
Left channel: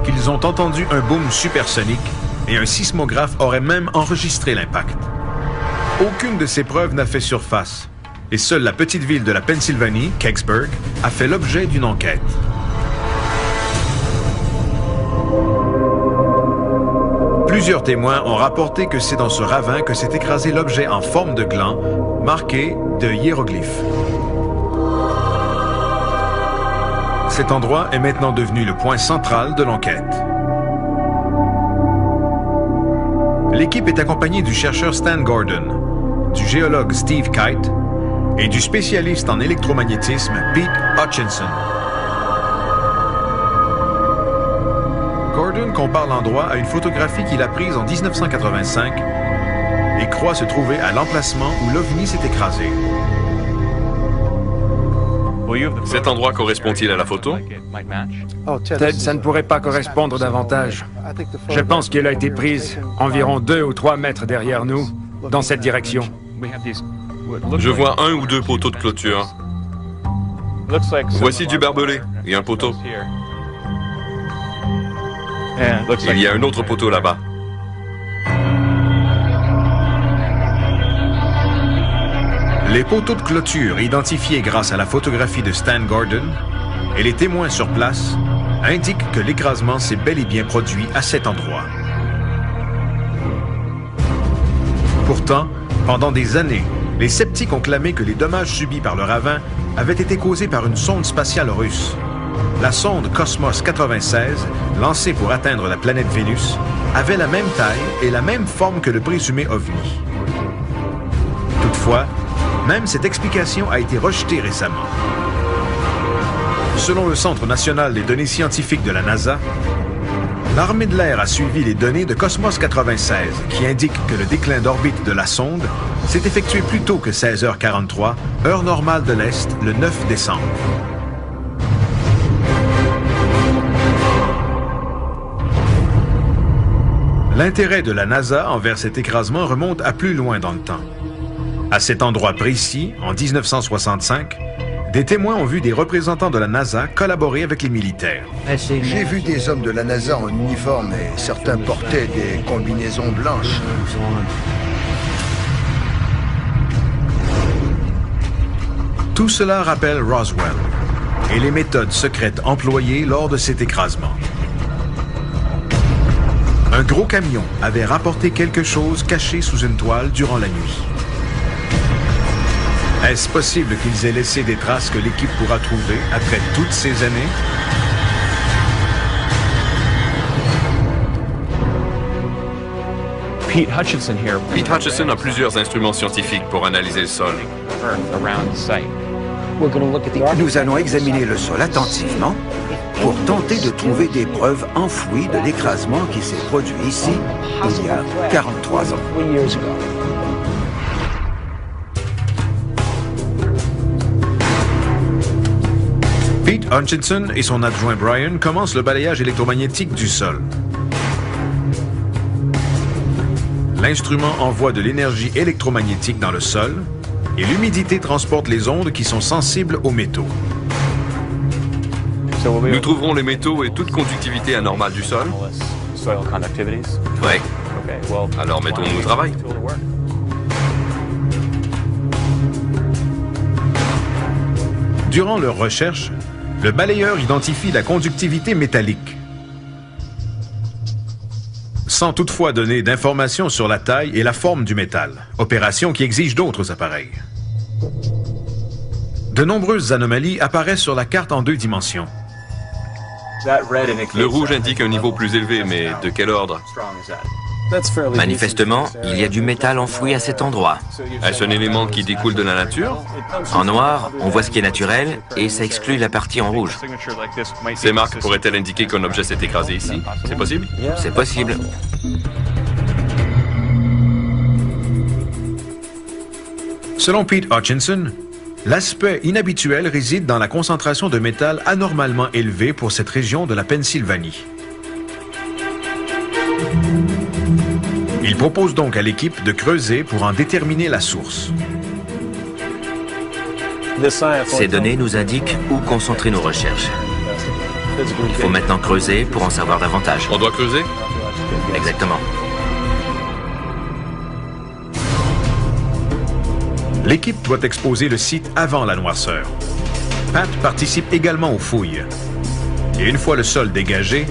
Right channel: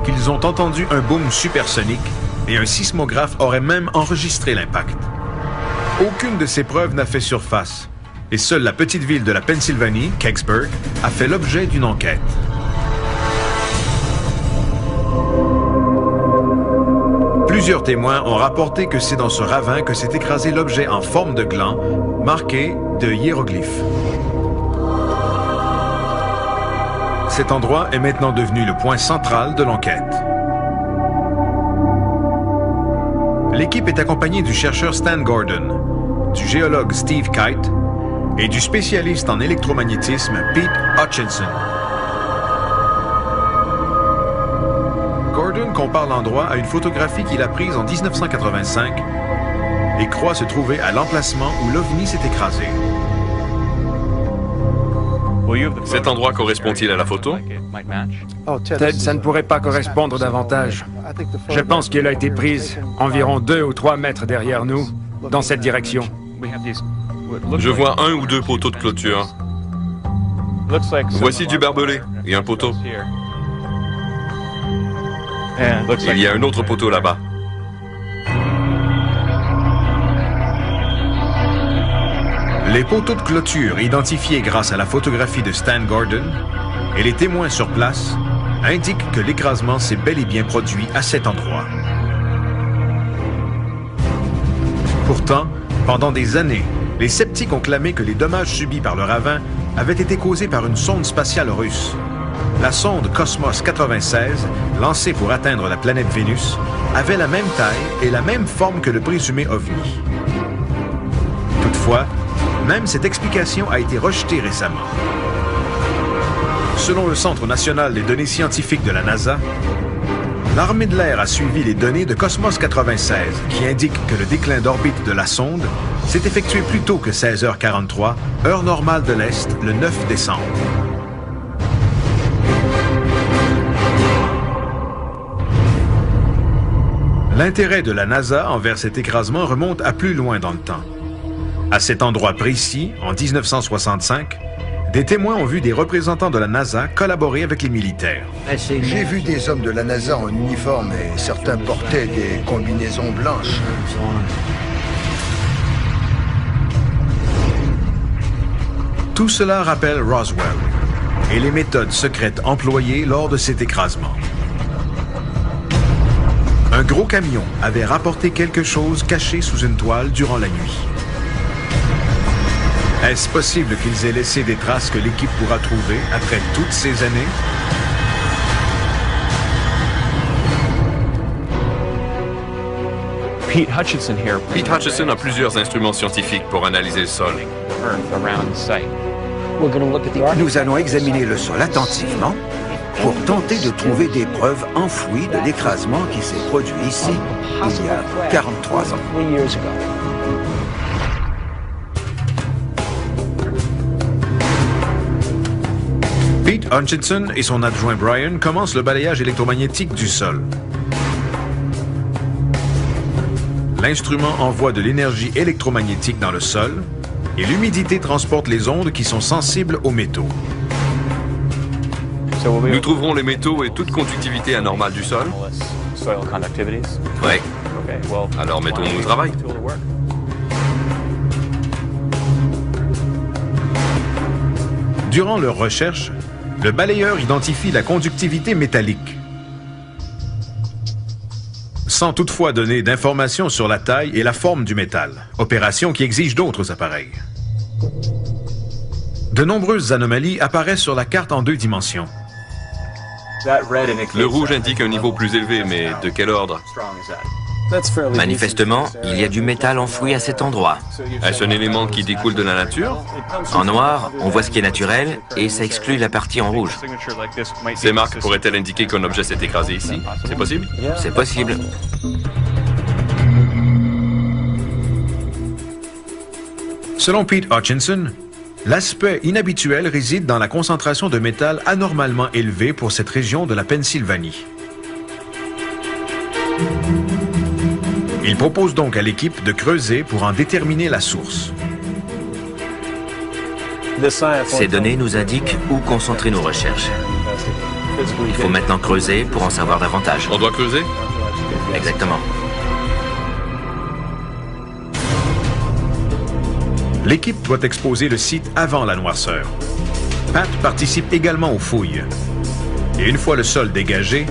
qu'ils ont entendu un boom supersonique et un sismographe aurait même enregistré l'impact. Aucune de ces preuves n'a fait surface, et seule la petite ville de la Pennsylvanie, Kecksburg, a fait l'objet d'une enquête. Plusieurs témoins ont rapporté que c'est dans ce ravin que s'est écrasé l'objet en forme de gland, marqué de hiéroglyphes. Cet endroit est maintenant devenu le point central de l'enquête. L'équipe est accompagnée du chercheur Stan Gordon, du géologue Steve Kite et du spécialiste en électromagnétisme Pete Hutchinson. Gordon compare l'endroit à une photographie qu'il a prise en 1985 et croit se trouver à l'emplacement où l'OVNI s'est écrasé. Cet endroit correspond-il à la photo? Ted, ça ne pourrait pas correspondre davantage. Je pense qu'elle a été prise environ 2 ou 3 mètres derrière nous, dans cette direction. Je vois 1 ou 2 poteaux de clôture. Voici du barbelé et un poteau. Il y a un autre poteau là-bas. Les poteaux de clôture identifiés grâce à la photographie de Stan Gordon et les témoins sur place indiquent que l'écrasement s'est bel et bien produit à cet endroit. Pourtant, pendant des années, les sceptiques ont clamé que les dommages subis par le ravin avaient été causés par une sonde spatiale russe. La sonde Cosmos 96, lancée pour atteindre la planète Vénus, avait la même taille et la même forme que le présumé OVNI. Toutefois, même cette explication a été rejetée récemment. Selon le Centre national des données scientifiques de la NASA, l'armée de l'air a suivi les données de Cosmos 96 qui indiquent que le déclin d'orbite de la sonde s'est effectué plus tôt que 16h43, heure normale de l'Est, le 9 décembre. L'intérêt de la NASA envers cet écrasement remonte à plus loin dans le temps. À cet endroit précis, en 1965, des témoins ont vu des représentants de la NASA collaborer avec les militaires. J'ai vu des hommes de la NASA en uniforme et certains portaient des combinaisons blanches. Tout cela rappelle Roswell et les méthodes secrètes employées lors de cet écrasement. Un gros camion avait rapporté quelque chose caché sous une toile durant la nuit. Est-ce possible qu'ils aient laissé des traces que l'équipe pourra trouver après toutes ces années? Pete Hutchison a plusieurs instruments scientifiques pour analyser le sol. Nous allons examiner le sol attentivement pour tenter de trouver des preuves enfouies de l'écrasement qui s'est produit ici il y a 43 ans. Pete Hutchison et son adjoint Brian commencent le balayage électromagnétique du sol. L'instrument envoie de l'énergie électromagnétique dans le sol et l'humidité transporte les ondes qui sont sensibles aux métaux. Nous trouverons les métaux et toute conductivité anormale du sol? Oui. Alors mettons-nous au travail. Durant leur recherche, le balayeur identifie la conductivité métallique, sans toutefois donner d'informations sur la taille et la forme du métal, opération qui exige d'autres appareils. De nombreuses anomalies apparaissent sur la carte en 2 dimensions. Le rouge indique un niveau plus élevé, mais de quel ordre? Manifestement, il y a du métal enfoui à cet endroit. Est-ce un élément qui découle de la nature? En noir, on voit ce qui est naturel et ça exclut la partie en rouge. Ces marques pourraient-elles indiquer qu'un objet s'est écrasé ici? C'est possible? C'est possible. Selon Pete Hutchison, l'aspect inhabituel réside dans la concentration de métal anormalement élevée pour cette région de la Pennsylvanie. Il propose donc à l'équipe de creuser pour en déterminer la source. Ces données nous indiquent où concentrer nos recherches. Il faut maintenant creuser pour en savoir davantage. On doit creuser? Exactement. L'équipe doit exposer le site avant la noirceur. Pat participe également aux fouilles. Et une fois le sol dégagé,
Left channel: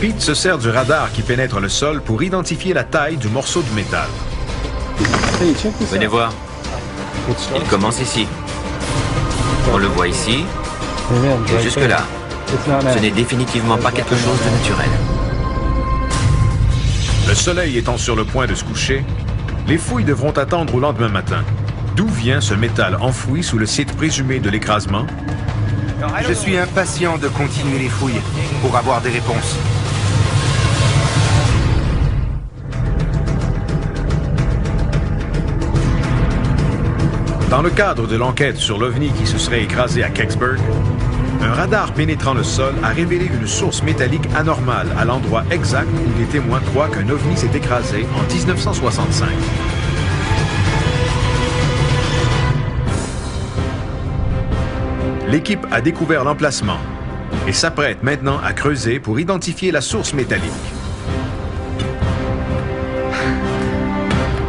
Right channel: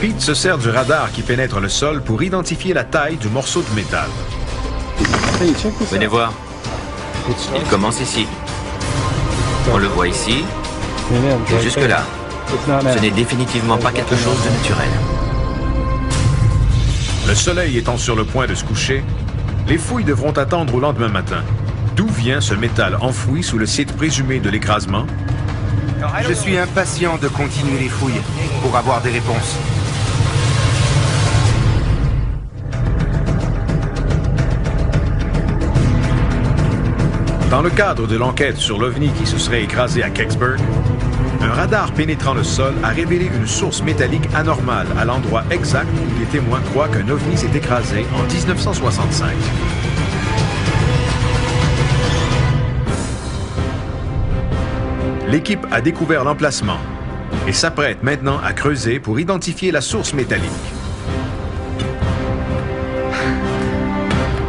Pete se sert du radar qui pénètre le sol pour identifier la taille du morceau de métal. Venez voir. Il commence ici. On le voit ici et jusque-là. Ce n'est définitivement pas quelque chose de naturel. Le soleil étant sur le point de se coucher, les fouilles devront attendre au lendemain matin. D'où vient ce métal enfoui sous le site présumé de l'écrasement? Je suis impatient de continuer les fouilles pour avoir des réponses. Dans le cadre de l'enquête sur l'OVNI qui se serait écrasé à Kecksburg, un radar pénétrant le sol a révélé une source métallique anormale à l'endroit exact où des témoins croient qu'un OVNI s'est écrasé en 1965. L'équipe a découvert l'emplacement et s'apprête maintenant à creuser pour identifier la source métallique.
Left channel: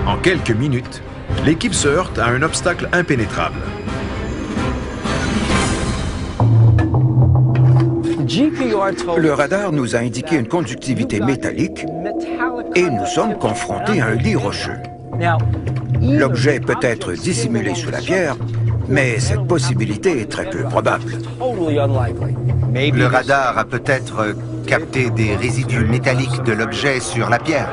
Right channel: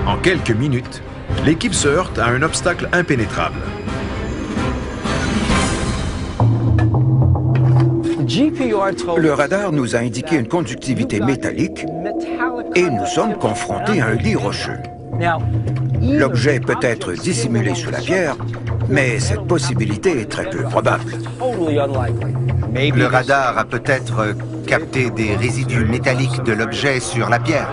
En quelques minutes, l'équipe se heurte à un obstacle impénétrable. Le radar nous a indiqué une conductivité métallique et nous sommes confrontés à un lit rocheux. L'objet peut être dissimulé sous la pierre, mais cette possibilité est très peu probable. Le radar a peut-être capté des résidus métalliques de l'objet sur la pierre.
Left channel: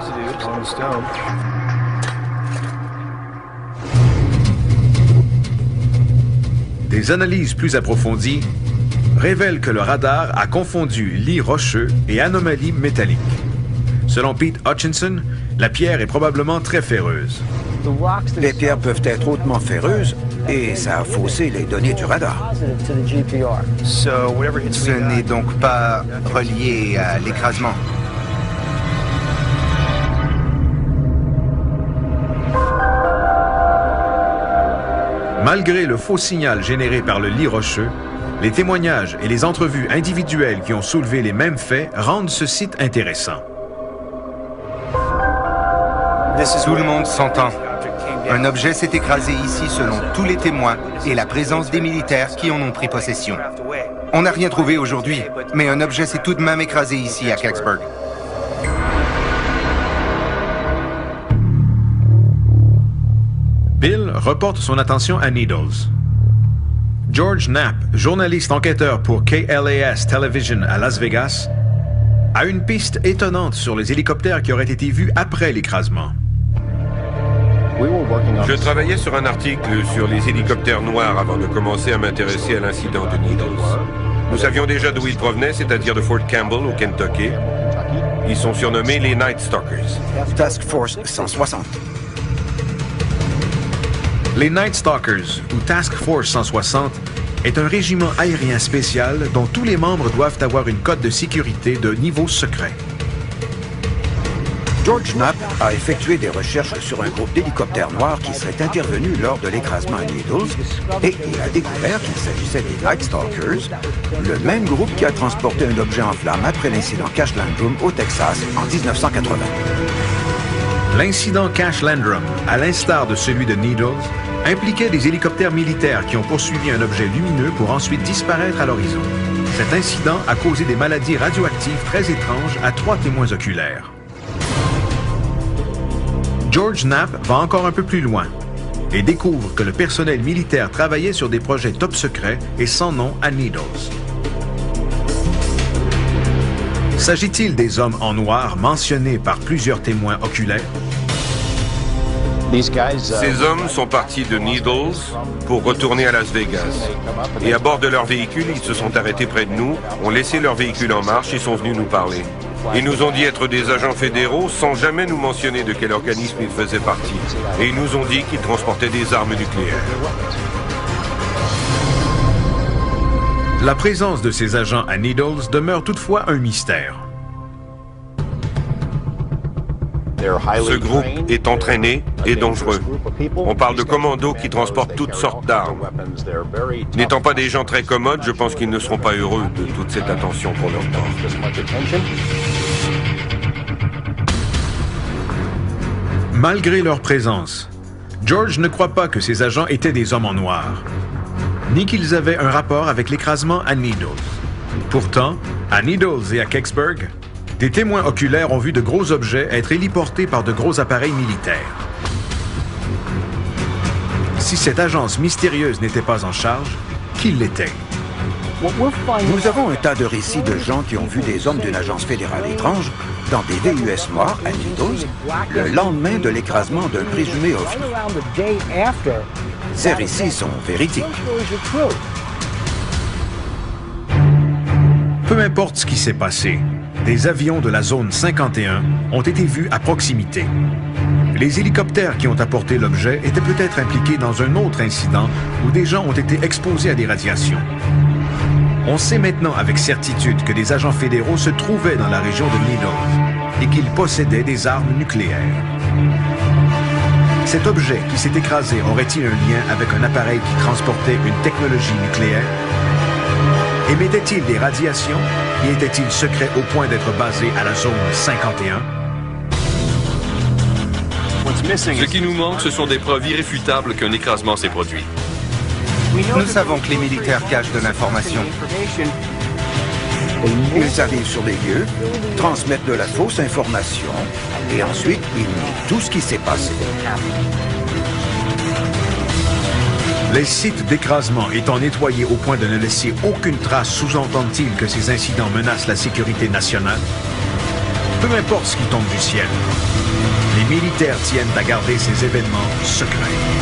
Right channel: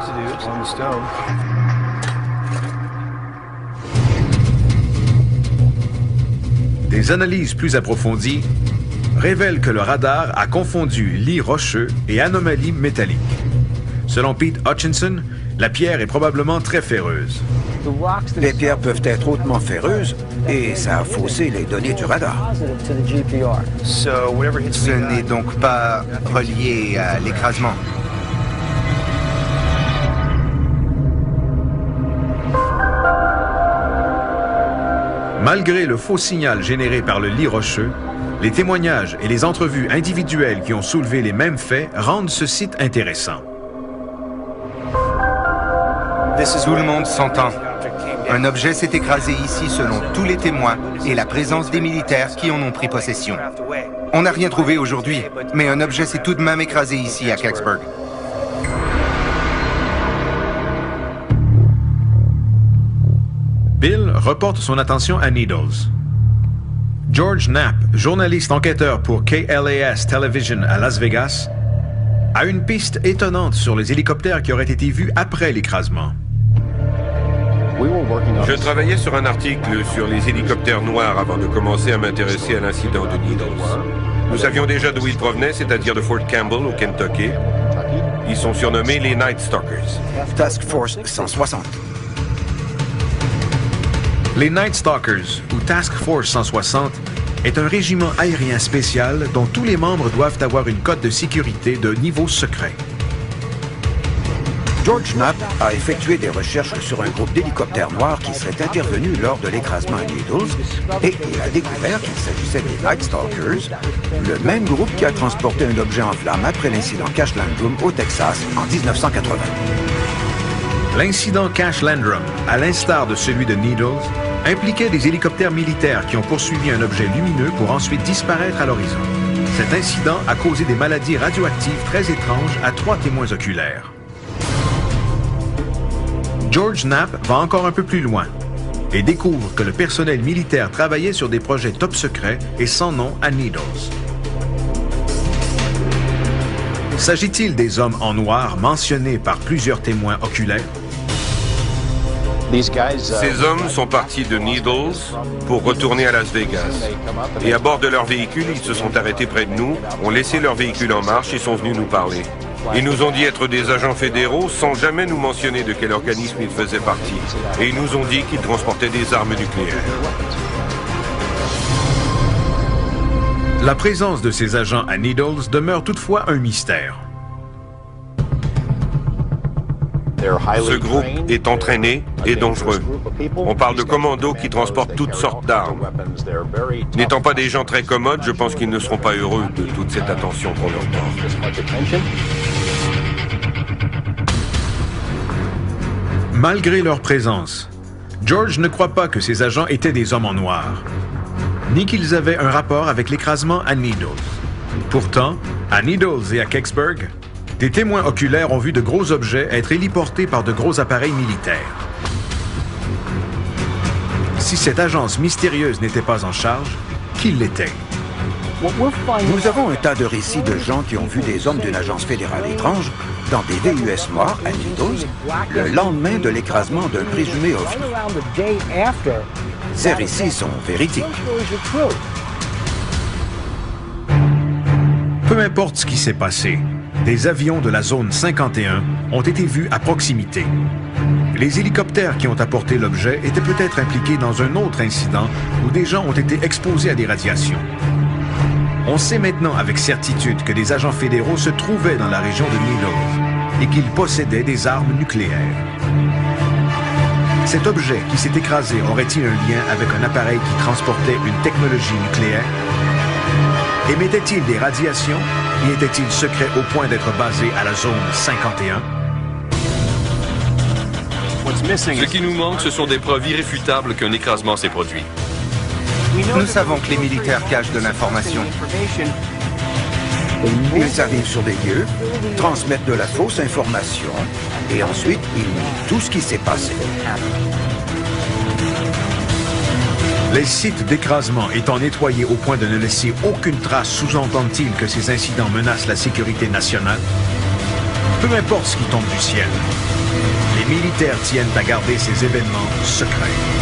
Des analyses plus approfondies révèlent que le radar a confondu lit rocheux et anomalie métallique. Selon Pete Hutchinson, la pierre est probablement très ferreuse. Les pierres peuvent être hautement ferreuses et ça a faussé les données du radar. Ce n'est donc pas relié à l'écrasement. Malgré le faux signal généré par le lit rocheux, les témoignages et les entrevues individuelles qui ont soulevé les mêmes faits rendent ce site intéressant. Tout le monde s'entend. Un objet s'est écrasé ici selon tous les témoins et la présence des militaires qui en ont pris possession. On n'a rien trouvé aujourd'hui, mais un objet s'est tout de même écrasé ici à Kecksburg. Bill reporte son attention à Needles. George Knapp, journaliste enquêteur pour KLAS Television à Las Vegas, a une piste étonnante sur les hélicoptères qui auraient été vus après l'écrasement. Je travaillais sur un article sur les hélicoptères noirs avant de commencer à m'intéresser à l'incident de Needles. Nous savions déjà d'où ils provenaient, c'est-à-dire de Fort Campbell au Kentucky. Ils sont surnommés les Night Stalkers. Task Force 160. Les Night Stalkers, ou Task Force 160, est un régiment aérien spécial dont tous les membres doivent avoir une cote de sécurité de niveau secret. George Knapp a effectué des recherches sur un groupe d'hélicoptères noirs qui serait intervenu lors de l'écrasement à Needles et il a découvert qu'il s'agissait des Night Stalkers, le même groupe qui a transporté un objet en flammes après l'incident Cash Landrum au Texas en 1980. L'incident Cash Landrum, à l'instar de celui de Needles, impliquait des hélicoptères militaires qui ont poursuivi un objet lumineux pour ensuite disparaître à l'horizon. Cet incident a causé des maladies radioactives très étranges à 3 témoins oculaires. George Knapp va encore un peu plus loin et découvre que le personnel militaire travaillait sur des projets top secrets et sans nom à Needles. S'agit-il des hommes en noir mentionnés par plusieurs témoins oculaires? Ces hommes sont partis de Needles pour retourner à Las Vegas. Et à bord de leur véhicule, ils se sont arrêtés près de nous, ont laissé leur véhicule en marche et sont venus nous parler. Ils nous ont dit être des agents fédéraux sans jamais nous mentionner de quel organisme ils faisaient partie. Et ils nous ont dit qu'ils transportaient des armes nucléaires. La présence de ces agents à Needles demeure toutefois un mystère. Ce groupe est entraîné et dangereux. On parle de commandos qui transportent toutes sortes d'armes. N'étant pas des gens très commodes, je pense qu'ils ne seront pas heureux de toute cette attention qu'on leur porte. Malgré leur présence, George ne croit pas que ces agents étaient des hommes en noir, ni qu'ils avaient un rapport avec l'écrasement à Needles. Pourtant, à Needles et à Kecksburg, des témoins oculaires ont vu de gros objets être héliportés par de gros appareils militaires. Si cette agence mystérieuse n'était pas en charge, qui l'était? Nous avons un tas de récits de gens qui ont vu des hommes d'une agence fédérale étrange dans des VUS noirs à Needles le lendemain de l'écrasement d'un présumé ovni. Ces récits sont véridiques. Peu importe ce qui s'est passé, des avions de la zone 51 ont été vus à proximité. Les hélicoptères qui ont apporté l'objet étaient peut-être impliqués dans un autre incident où des gens ont été exposés à des radiations. On sait maintenant avec certitude que des agents fédéraux se trouvaient dans la région de Needles et qu'ils possédaient des armes nucléaires. Cet objet qui s'est écrasé aurait-il un lien avec un appareil qui transportait une technologie nucléaire? Émettait-il des radiations et était-il secret au point d'être basé à la zone 51? Ce qui nous manque, ce sont des preuves irréfutables qu'un écrasement s'est produit. Nous savons que les militaires cachent de l'information. Ils arrivent sur les lieux, transmettent de la fausse information, et ensuite ils nient tout ce qui s'est passé. Les sites d'écrasement étant nettoyés au point de ne laisser aucune trace, sous-entendent-ils que ces incidents menacent la sécurité nationale? Peu importe ce qui tombe du ciel, les militaires tiennent à garder ces événements secrets.